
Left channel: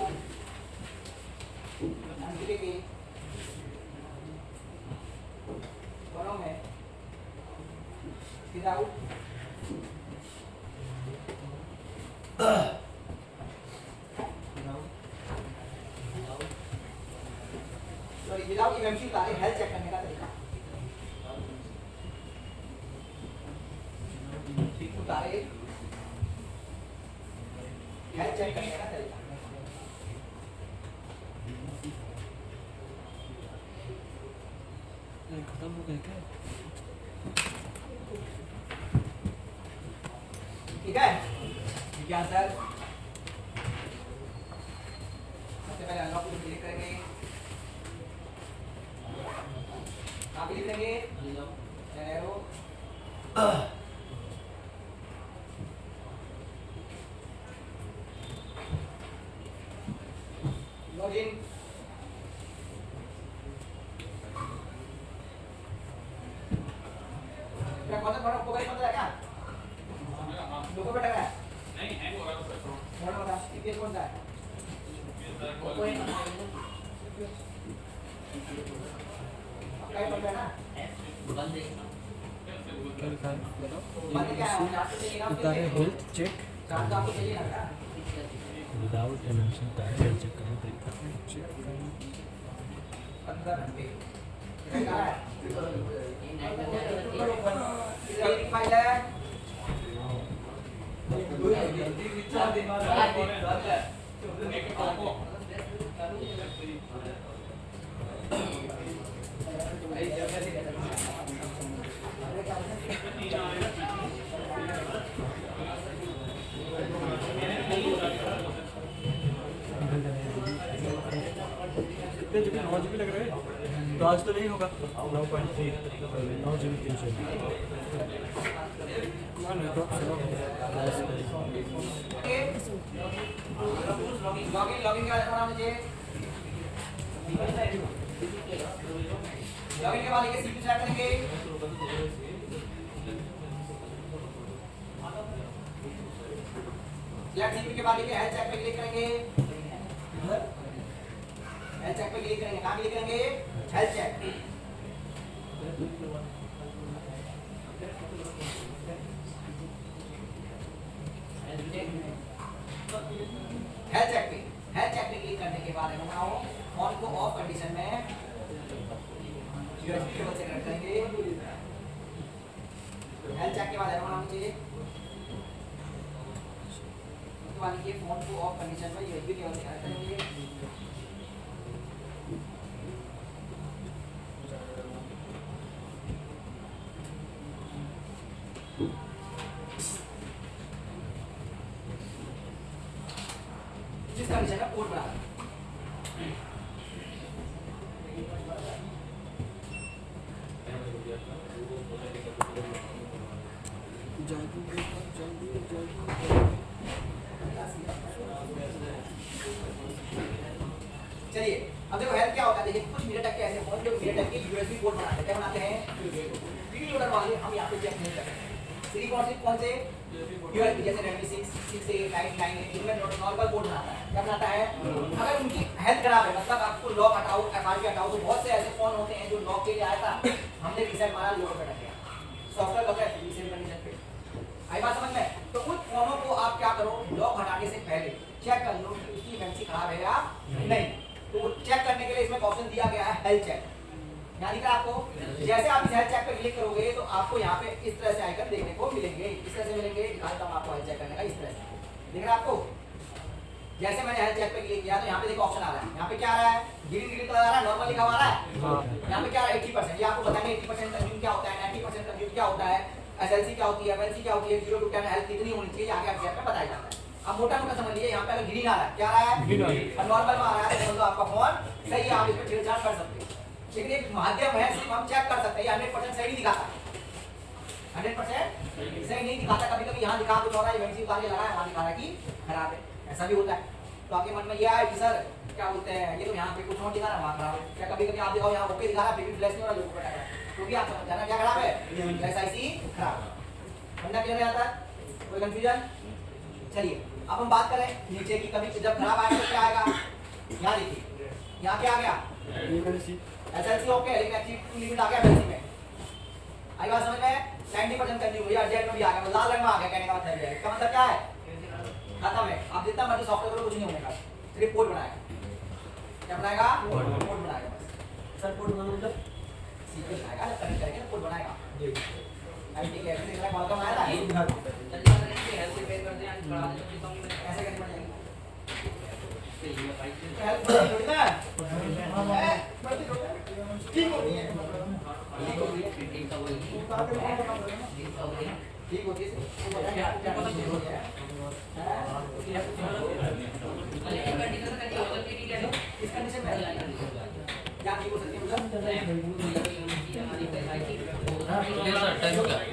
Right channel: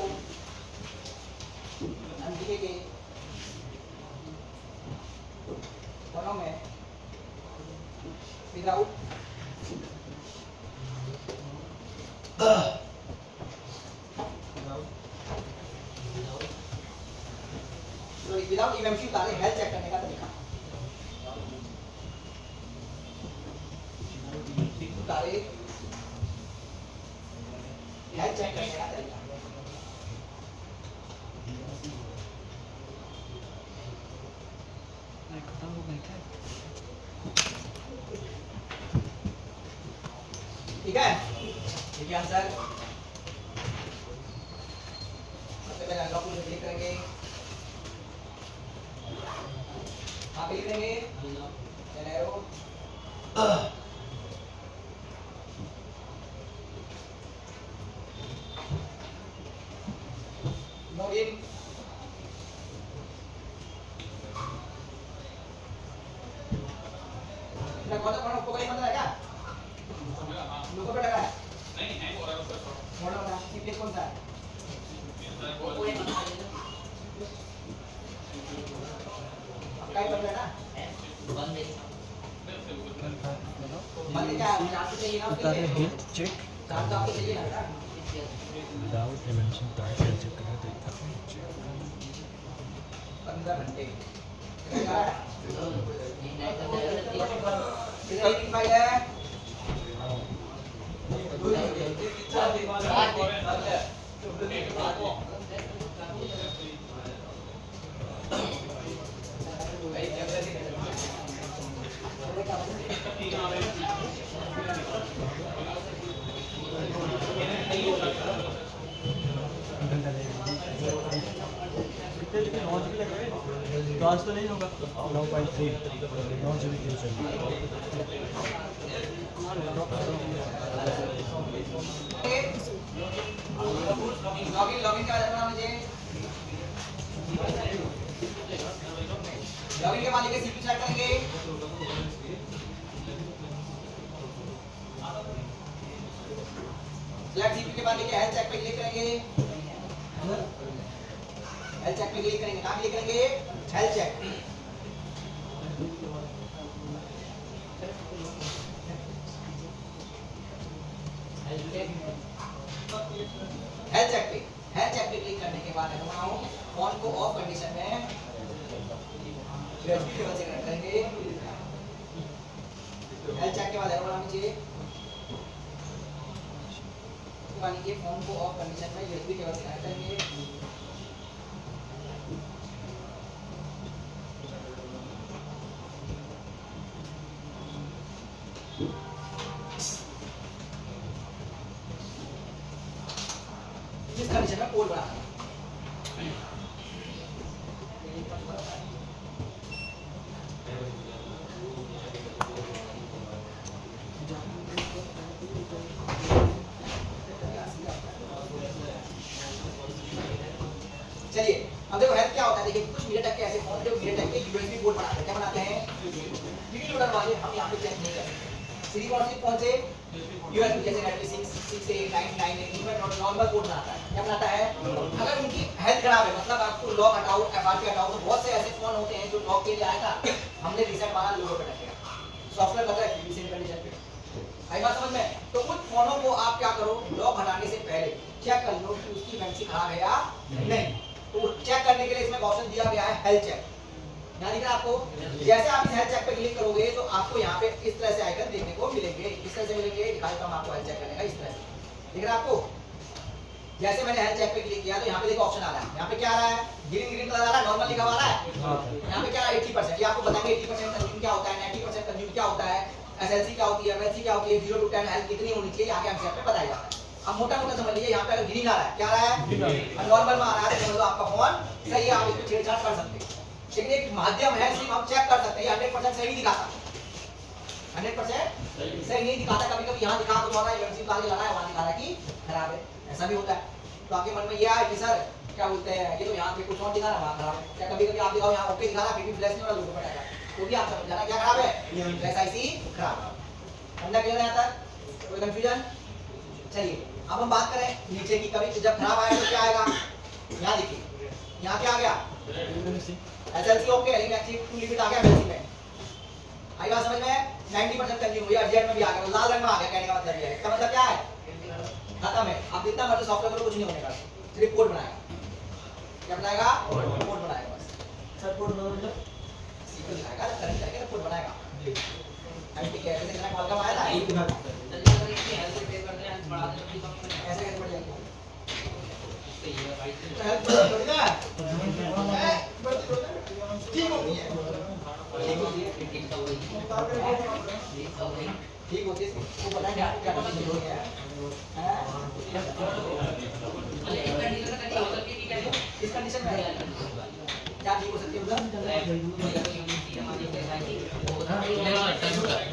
एमटीके के फॉर्म में विदाउट विदाउट इवेंचुअली तारे हेल्थ चेक करने का तरीका, तारे हेल्थ चेक करने का तरीका। ठीक है, ठीक है आंसर। सबसे पहले अनलॉक पे क्लिक करेंगे, आप क्लिक करेंगे देन एरो, लॉगिन, क्या कौन सा प्रोग्राम मतलब है क्या, लोगों पे लगा है नहीं हैंग हो रहा है उसका मोड़ा वाला सीपीएस कौन सा है, कोई मत करना आपका ही बंद है ना, बंद है बंद क्या है, चार्ट तो चाहिए ना, उतारे हेल्थ चेक चार्ट तो आपको चाहिए ना बेटा, विदाउट एमिशन का हेल्थ चेक करना तरीका 15 घंटे क्या है, कितनी की फाइल है, तो आज तो नहीं होगा 9.3 9 GB की लॉगिन लॉगिन के बाद अपना मुझे लॉगिन के बाद लिखे सीपी सेट करेंगे, सिलेक्ट सीपी के बाद लिखे हेल्थ चेक पे क्लिक करेंगे, हेल्थ चेक पे क्लिक करेंगे, कहाँ क्लिक करेंगे, हेल्थ चेक, हेल्थ चेक पे क्लिक करने के बाद हम फोन को ऑफ कंडीशन में सेलेक्ट करेंगे, हेल्थ चेक के बाद हम मुझे मान लीजिए फोन को ऑफ कंडीशन में यूएसबी केबल कनेक्ट करेंगे, इस कंडीशन में कोड बना चलिए अब देखो हेल्थ क्या होता है, देखिए कुछ मिनट के ऐसे फोन के मिनट के यूएसबी पोर्ट बनाते हैं, क्या बनाते हैं, डी लोडर वाले हम यहाँ पे चेक नहीं करेंगे, सिलिकॉन से कौन से यूएसबी जैसे 96 6 8 9 9 इनमें नॉर्मल पोर्ट बनाता है, क्या बनाता है? अगर उनकी हेल्थ खराब है, मतलब आपको लॉक हटाओ, एफआरपी हटाओ, तो बहुत से ऐसे फोन होते हैं जो लॉक के लिए आया था, हमने रीसेट मारा, लोगों पे अटक गया, सॉफ्टवेयर लगा है रीसेट कंडीशन पे। आई बात समझ में? तो उन फोनों को आप क्या करो, लॉक हटाने से पहले चेक कर लो कि उसकी मेमोरी खराब है या नहीं। तो चेक करने के लिए इसमें ऑप्शन दिया गया है हेल्थ चेक। यहाँ दिख रहा है आपको? जैसे आप इस हेल्थ चेक पे क्लिक करोगे तो आपको यहाँ पे इस तरह से आइकन देखने को मिलेंगे। किस तरह से मिलेंगे? दिखाता हूँ आपको हेल्थ चेक करने का, इस तरह से दिख रहा है आपको? जैसे मैंने हेल्थ चेक पे क्लिक किया तो यहाँ पे देखो ऑप्शन आ रहा है, यहाँ पे क्या आ रहा है? ग्रीन कलर आ रहा है, नॉर्मल लिखा हुआ आ रहा है। यहाँ पे क्या है? 80%। ये आपको बताएंगे 80% कंज्यूम क्या होता है, 90% कंज्यूम क्या होता है, एसएलसी क्या होती है, एमएलसी क्या होती है, 0 to 10 हेल्थ कितनी होनी चाहिए, आगे एमसीएफ में बताया जाता है। अब मोटा मोटा समझ लीजिए, यहाँ पे अगर ग्रीन आ रहा है, क्या आ रहा है? नॉर्मल में आ रहा है, तो मतलब आपका फोन सही है, आप इसमें छेड़छाड़ कर सकते हैं। लेकिन एक माध्यम है, सिर्फ हम चेक कर सकते हैं, 100% सही दिखाता, 100% सही नहीं दिखाता। कभी कभी यहाँ दिखा कुछ और है, एमसी उतार के लगा है, वहाँ दिखा रहा है कि खराब है, ऐसा भी होता है। तो आपके मन में ये आया कि सर क्या बोलते हैं, ये तो यहाँ पे कुछ और दिखा रहा है, वहाँ खराब है। क्या कभी कभी आप दिखाओ यहाँ ओके दिखा रहा है, फिर भी फ्लैश नहीं हो रहा, लोगों को पता है, तो भी आप समझ जाना क्या खराब है, फ्लैश आईसी खराब। समझा क्लियर है यहाँ तक? कोई कंफ्यूजन? चलिए अब हम बात करें नीचे की। कभी जब खराब आएगा तो क्या आएगा? यहाँ देखिए, यहाँ क्या आ गया? एसएलसी ओके, लेकिन लिमिट आ गया एसएलसी में। आई बात समझ में? 90% कंज्यूम हुई, अर्जेंट में भी आ गया, लाल रंग में आ गया, कहने का मतलब है। इसका मतलब क्या है? खत्म है। अब जितना मर्जी सॉफ्टवेयर को कुछ नहीं होने का, सिर्फ कोड बनाएगा। क्या बनाएगा? कोड बनाएगा बस। सर कोड मतलब सीक्वेंस बनाएगा, कनेक्ट करके कोड बनाएगा। आईटी के ऐसे इतना कॉल आया ना, जल्दी करेंगे हेल्प पे करते हैं, आज बढ़ा देते हैं तो नहीं ऐसा कैसे बढ़ जाएगा? सही है भाई। हेल्प बढ़ती है ना, बढ़ती है, ठीक होती है, ठीक होती है, ठीक का वही ठीक का वही ठीक होती है। वो बताएगा आपको क्या कंडीशन हो गया है। अरे एक कंडीशन का हो सकती है, ठीक है इस कंडीशन में क्या ठीक हो सकती है?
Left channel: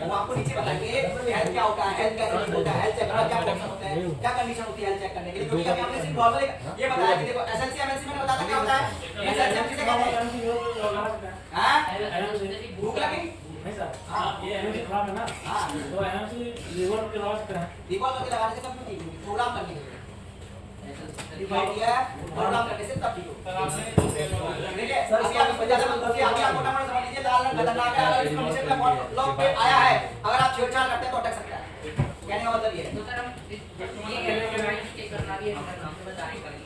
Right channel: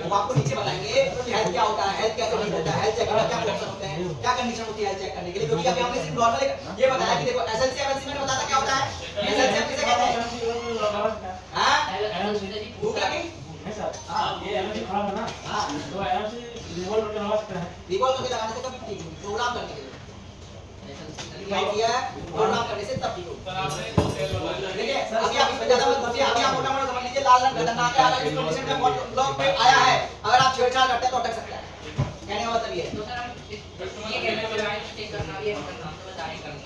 वो आपको नीचे बताएंगे हेल्थ क्या होता है, हेल्थ कैसे ठीक होता है, हेल्थ चेक करना क्या ऑप्शन होते हैं, क्या कंडीशन होती है हेल्थ चेक करने के लिए। क्योंकि अभी हमने सिर्फ नॉर्मल ये बताया कि देखो एसएलसी एमएलसी में बताता क्या होता है, एसएलसी हम किसे कहते हैं? हां भूख लगी नहीं सर, ये एनर्जी खराब है ना। हां तो एनर्जी रिवॉल्व के आवाज कर है, रिवॉल्व के लगाने से कभी ठीक नहीं, प्रोग्राम करने के लिए प्रोग्राम करने से तब ठीक हो। सर आपने दो सेल वाला देखिए अभी आप ज्यादा मत पूछिए, अभी आप मोटा मोटा समझ लीजिए, लाल रंग खतरनाक है। अगर इस कंडीशन में लॉक पे आया है, अगर आप छेड़छाड़ करते हैं तो अटक सकता है। कहने का मतलब ये है। तो सर अब ये कहना है राइट स्टे करना भी है, हमारे काम से बताने करनी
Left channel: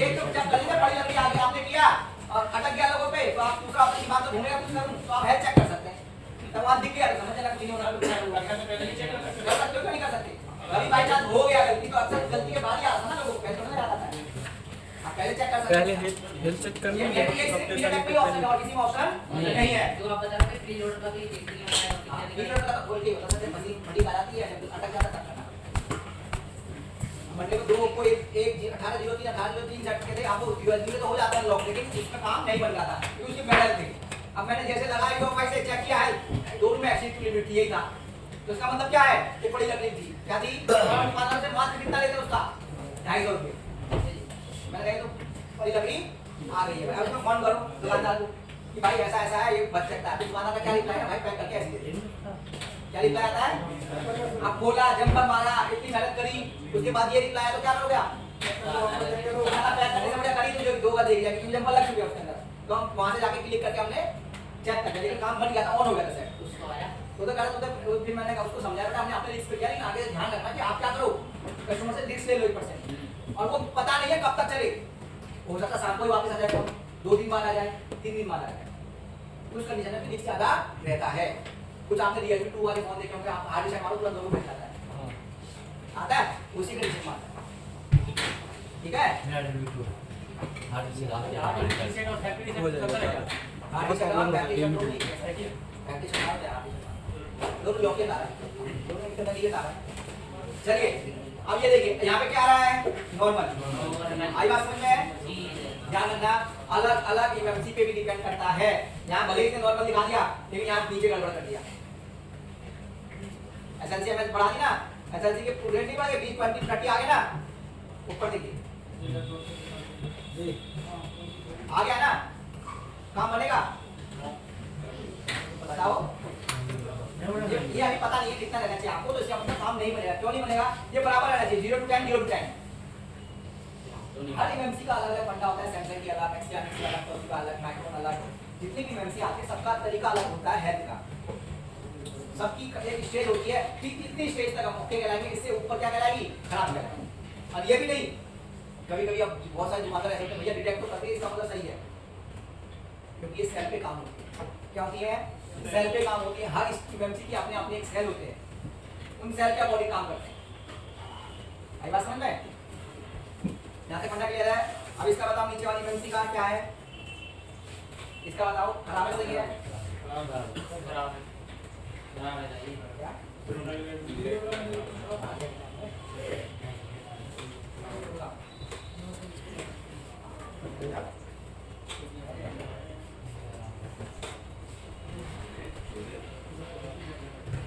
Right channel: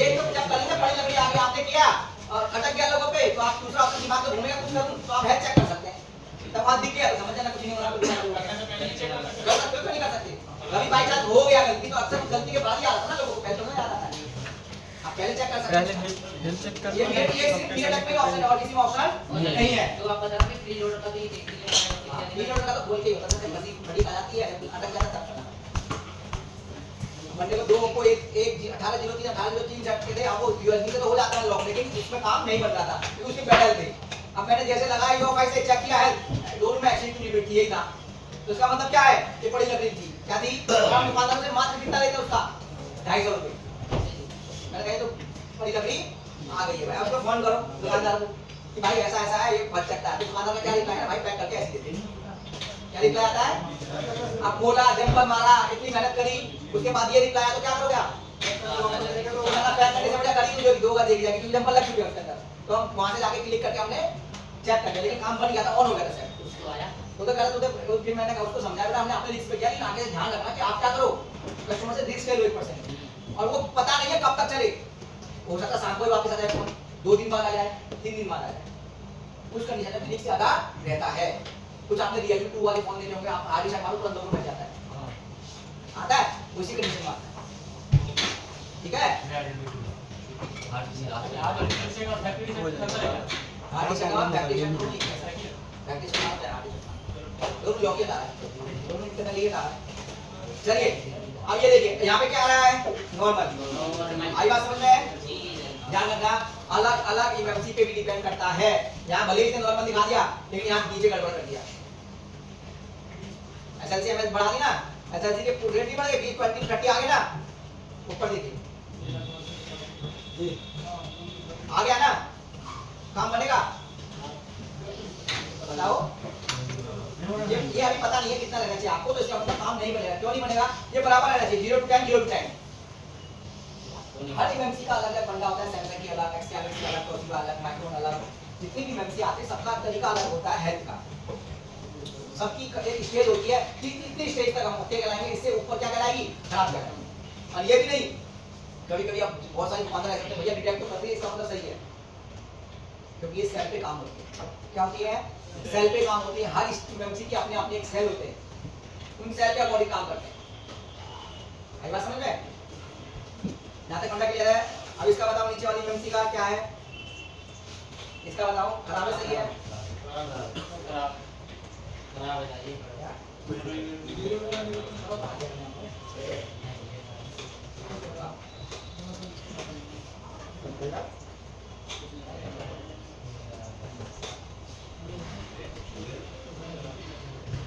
ये तो जब करेंगे पड़ी लग रही आगे आपने किया और अटक गया लोगों पे, तो आप दूसरा अपने दिमाग को घूमेगा कुछ करूं, तो आप हेल्थ चेक कर सकते हैं। तब वहां दिख गया, समझ जाना कुछ नहीं हो रहा, कुछ नहीं हो रहा, कर सकते हो नहीं कर सकते। अभी बाई चांस हो गया गलती, तो अक्सर गलती के बाद ही आता है ना, लोगों को पहले नहीं आता है। आप पहले चेक कर सकते हैं, पहले हेल्थ चेक कर। ये मेरे लिए सिर्फ पीरियड पे ऑप्शन है और किसी में ऑप्शन नहीं है। तो आप बता रहे हैं फ्री लोड का तो ये पीरियड का तो बोल के होता है, बड़ी बड़ी आ जाती है, अटक जाता है। मंडे को दो को एक 18 दिनों की 18 दिनों 3 झटके थे, आपको यूएसबी से तो हो जाता है लॉक, लेकिन इसमें काम नहीं बन रहा था क्योंकि उसकी बैटल थी। अब मैंने जैसे लगाई यूएफआई से चेक किया है, दोनों में एक्शन की लिमिट थी, यही था। तो इसका मतलब क्या है? ये बड़ी लग रही थी, क्या थी? हम दुकानदार से मात्र कितना लेते उसका 250 रुपये। मैंने कहा तो बड़ी लग रही आ गई है भाई, अब उसको फोन करो दुकानदार को कि भाई ऐसा ऐसा है, ये बच सकता है। तो दुकानदार का क्या रिप्लाई है? भाई पैक करके ऐसे दे दे। क्या रिप्लाई आता है? आप बोला, जंपर मारा, इतनी मेहनत करी, उसके बाद ये रिप्लाई आया तो क्या करोगे आप? खाना पैक करने से बढ़िया करी तो जो दोगा देगी जाके, क्योंकि जंपर लग चुके हैं उसके अंदर। तो हम वहां से जाके क्लिक करके हमने चेक कर लिया, लेकिन काम बन गया था, ऑन हो गया था सेट। उसको आया तो गलत होते, फिर मैंने उसको समझाया बेटा हमने अपने रिस्क पे किया, लेकिन आगे ध्यान रखना कि आप क्या करो, कस्टमर से रिस्क ले लो 1%। और वो पता नहीं है कब तक चले, हो सकता शाम को ही वापस आ जाए फोन, 2 दिन बाद आ जाए, 3 दिन बाद आ जाए, उस कंडीशन में रिस्क ज्यादा रहता है। कुछ आपने Realme 2 वाले फोन देखे होंगे, आप हार्ड डिस्क मारो तुरंत 2 मिनट जाता है, आता है उसी कंडीशन में आता है। ठीक है, हार्ड डिस्क का फैक्ट्री दोनों लॉकेट आ रहा है, दोनों इंटरनली आ रहा है। चलिए अब ये देखिए यहाँ पे क्या आ रहा है? नॉर्मल। आई बात समझ में? ध्यान रखना, अलग अलग इमरजेंसी पे भी डिपेंड करता है। यहाँ भले ही नॉर्मल दिखा दिया, लेकिन यहाँ नीचे गड़बड़ कर दिया। एसएलसी एमएस बढ़ा दी ना, एसएलसी के रेट नहीं बढ़े, 20 25 30 आ गए ना, ऊपर देखिए आ गया ना, काम बनेगा? बताओ। ये अभी पता नहीं है कितना रहना चाहिए आपको, तो इसका मतलब काम नहीं बनेगा। क्यों नहीं बनेगा? ये बराबर रहना चाहिए, 0 to 10 0 to 10। हर एमएमसी का अलग अलग फंडा होता है, सैमसंग की अलग, एक्सटेंशन की अलग, टोयोटा अलग, माइक्रोन अलग, जितनी भी एमएमसी आते हैं सबका तरीका अलग होता है हेल्थ का। सबकी एक स्टेज होती है, कितनी स्टेज तक हम उठे गलाएंगे, इससे ऊपर क्या कहलाएगी, खराब कहलाएगी। और ये भी नहीं, कभी कभी अब बहुत सारे दुकानदार ऐसे हैं भैया डिटेक्ट तो करते हैं, इसका मतलब सही है, क्योंकि ये सेल पे काम होती है। क्या होती है? सेल पे काम होती है। हर एमएमसी के अपने अपने एक सेल होते हैं, उन सेल के अकॉर्डिंग काम करते हैं। आई बात समझ में? यहाँ तक फंडा क्लियर है? अब इसका बताओ नीचे वाली एमएमसी का क्या है, इसका बताओ, खराब है सही है?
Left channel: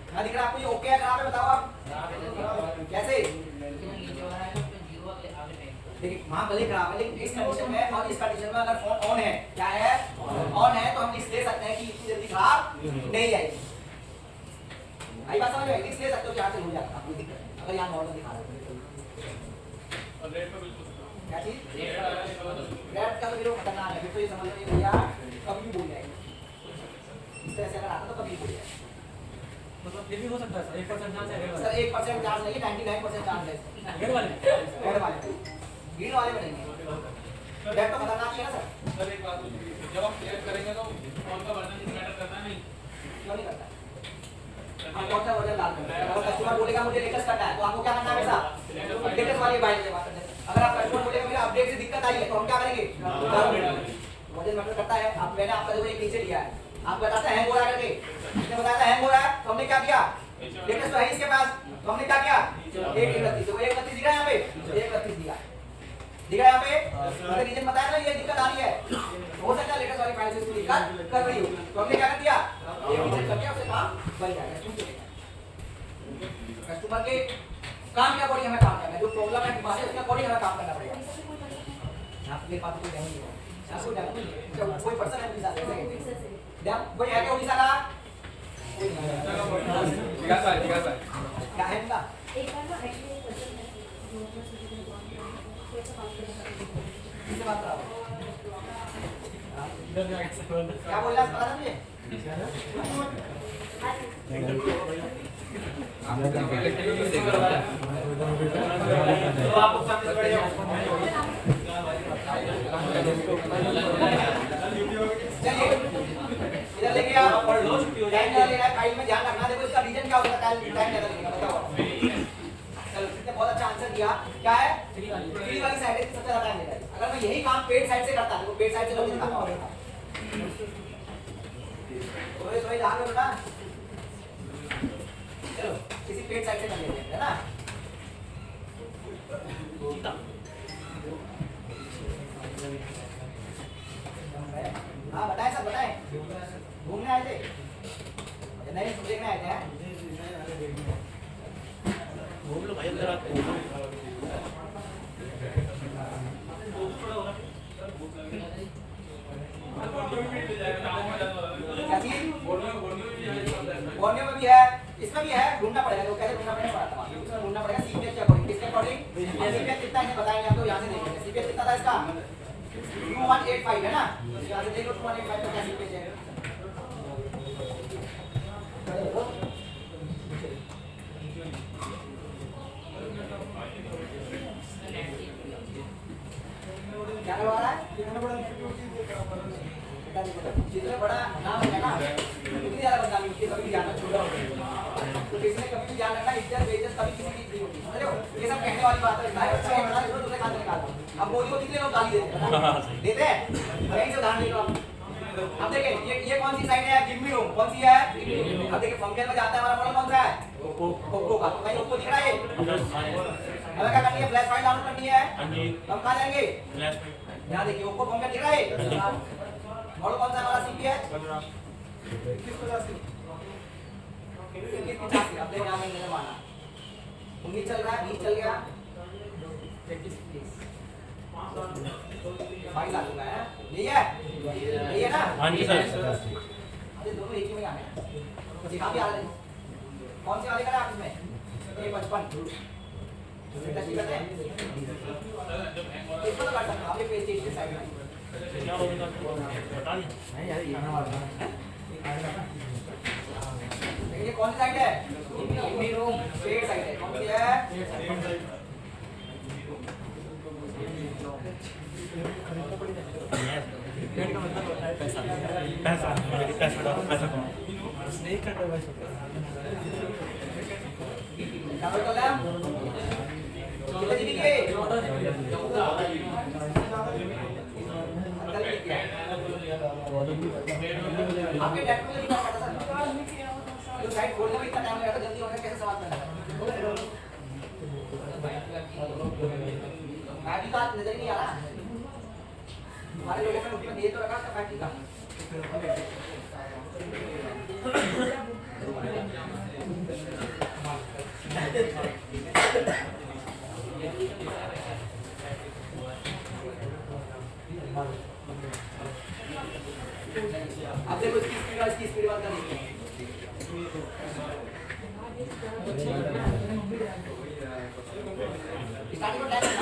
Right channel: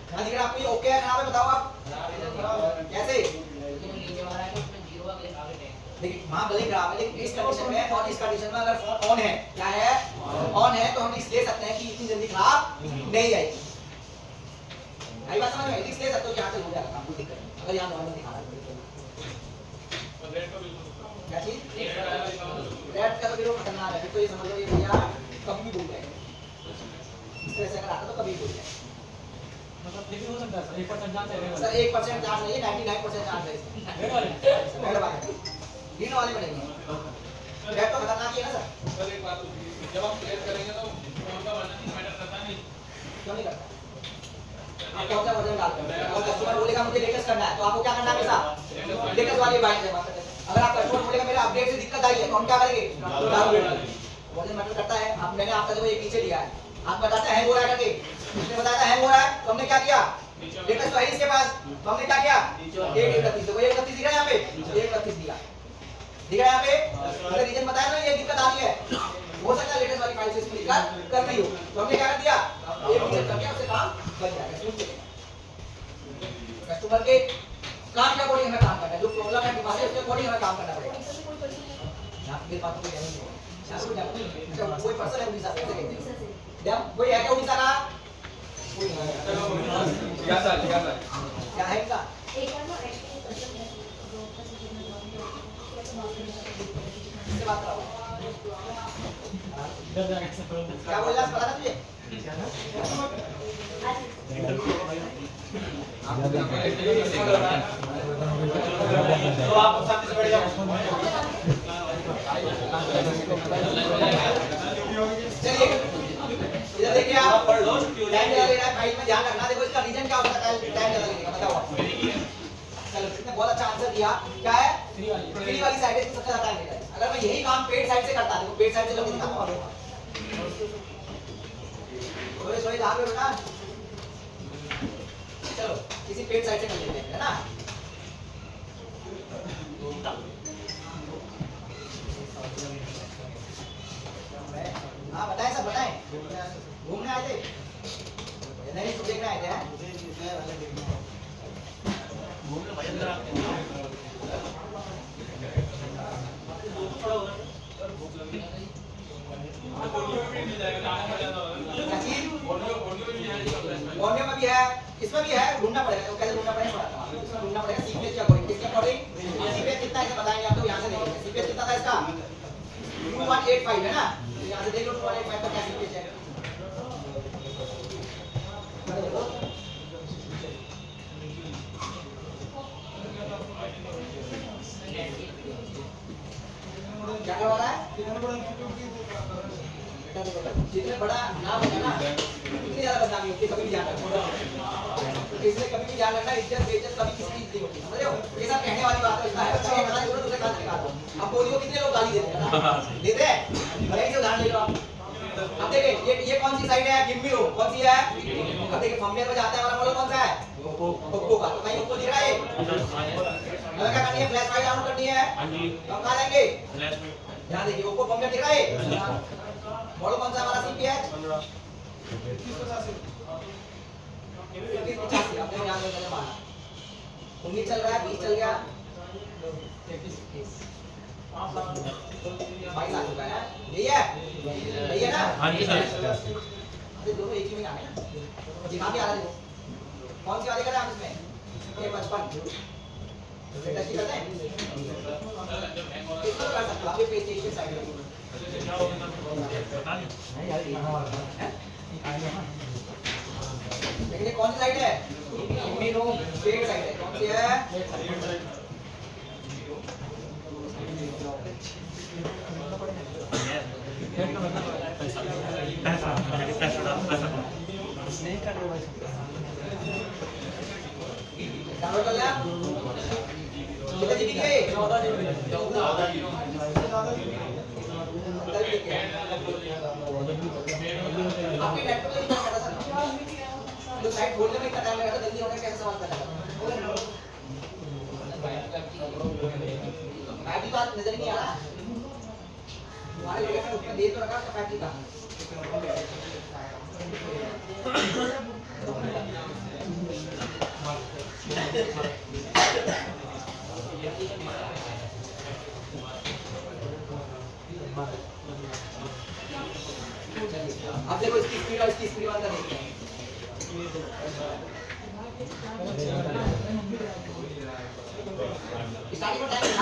क्या दिख रहा है आपको? ये ओके है, खराब है? बताओ आप कैसे? देखिए वहाँ भले खराब है, लेकिन इस कंडीशन में और इस कंडीशन में अगर ऑन है, क्या है? ऑन है, तो हम रिस्क ले सकते हैं कि इतनी जल्दी खराब नहीं जाएगी। आई बात समझ में? रिस्क ले सकते हो कि यहाँ से हो जाएगा, कोई दिक्कत नहीं, अगर यहाँ नॉर्मल दिखा रहा है। क्या चीज? रेड का तो विरोध करना है, फिर तो ये समझ लो ये भैया कभी भूल जाएंगे, इस तरह से अगर आता तो कभी भूल जाएंगे। मतलब ये भी हो सकता है सर, 1% चांस है सर 1% चांस नहीं, 99% चांस है इसका। रेड वाले रेड वाले ग्रीन वाले में नहीं। रेड तो खतरनाक ही है ना सर। सर एक बात होती, जब आप क्लियर करेंगे तो कौन सा वर्जन मैटर करता नहीं, क्यों नहीं करता? आप कौन सा वर्जन डालते हैं? और कस्टमर बोलेगा मुझे लेटेस्ट करना है, तो आपको क्या करना है हमेशा? लेटेस्ट वाली बाइक जमा कर देते हैं। अगर आप कस्टमर बोलेगा मेरा अपडेट से दिक्कत आई है, तो हम क्या करेंगे? वर्जन मैटर करता है। आप मैंने आपका देखो ये पीछे लिया है, आप बताते हैं हैंग हो रहा है करके, इसने बताया हैंग हो रहा है, तो हमने क्या किया? लेटेस्ट तो है इसके पास, तो हमने क्या किया? 131 को 131 दिख रहा है यहाँ पे, 131 दिया दिख रहा है यहाँ पे। तो रीजन बताया ना, ये दिक्कत आ रही है, हो सकता है लेटेस्ट वाली फाइल से इसको दिक्कत कर रही हो, तो हमने क्या कर दिया? ये रीजन करके उससे काम बन जाएगा। कस्टमर के काम के अकॉर्डिंग हमें काम करना है, जो प्रॉब्लम है बीमारी उसके अकॉर्डिंग हमें काम करना पड़ेगा। यहाँ पे बात कोई पर्सन है उड़ीसा से, कोई है क्या उड़ीसा का? जिज्ञासा क्या है इनका? क्या बोल रहा है पता ना तुझे? चलिए इधर देखिए आप, टाइम ज़्यादा लेना है, फाइल में ध्यान रखना। देखो इसका रीजन क्या हो सकता है, टाइम ज़्यादा लेने का बताओ आप। चलो किसने बहुत अच्छा आंसर दिया, क्या है? फ्री वाली साइड है, सबसे ज़्यादा टाइम लेता है। अगर मैं यही काम पेड साइड से करता तो पेड साइड से जल्दी दिखाता हूँ। सोई ध्यान में बेटा, चलो किसी पेड साइड से कर लेते हैं, है ना? हाँ बताएं सब बताएं, घूमने आए थे? नहीं देखने आए थे हैं? बोर्नियो में भी है, इसमें भी है, ढूंढना पड़ेगा। तो कैसे ढूंढना पड़ेगा पता है, इसमें ढूंढना पड़ेगा सीपीएस के अकॉर्डिंग। किसके अकॉर्डिंग? और सीपीएस कितना है बताएंगे आपको, यहाँ से नहीं। सीपीएस कितना था इसका? 2185 है ना, यहाँ से देख लो 2185 तो क्या सीपीएस है। क्या करवा रहा है? जितने बड़ा नाम होगा ना उतनी ज्यादा बदनामी होती है, कभी भी ध्यान रखना। तो इसलिए कभी भी ध्यान रखना, इज्जत बेइज्जत कभी किसी की नहीं होती, समझ रहे हो? ये सब कहने वाली बात है, अच्छा है बता दो दूसरे कान निकाल दो। अब बोली को कितने लोग गाली देते हैं, देते हैं? यही से उदाहरण ले लो आप। अब देखिए ये कौन सी साइड है? गिव मी लो, कौन सी है? अब देखिए फंक्शन में जाते हैं, हमारा मॉडल कौन सा है? ओप्पो का। तो कहीं ओप्पो दिख रहा है? हमें क्या करनी है? फ्लैश फाइल डाउनलोड करनी है, हम कहाँ जाएंगे? यहाँ देखिए ओप्पो फंक्शन दिख रहा है, मॉडल कौन सा हमारा सीपीएस 50 अपने यहाँ पे गलत माना 19 चल रहा है, 20 चल गया, 22 आ चुका है। यही है ना? हाँ जी सर। अरे दोनों एक ही में आ गए ना, दिखा के आ रहे हो। कौन सी वाली करें आप इसमें? ये 55 इसको क्या होगा बता दिया नहीं यार खाना वाला है देखिए कौन सी साइड है पेड़ साइड है कौन सी है नहीं कर रहे भाई डाउनलोड कर लिया कितने जीबी के 14 जीबी आपके लैपटॉप में कितना करना सर जो साइट खोलने में कितना टाइम लगेगा जल्दी होगा कैसे सवाल करना मैं भी बात नजर नहीं आ रहा हमारे लोकेशन उसमें दिए तो लगा 5G का आप देखो इसकी स्पीड और इसकी स्पीड वाला देखिए स्टार्टिंग में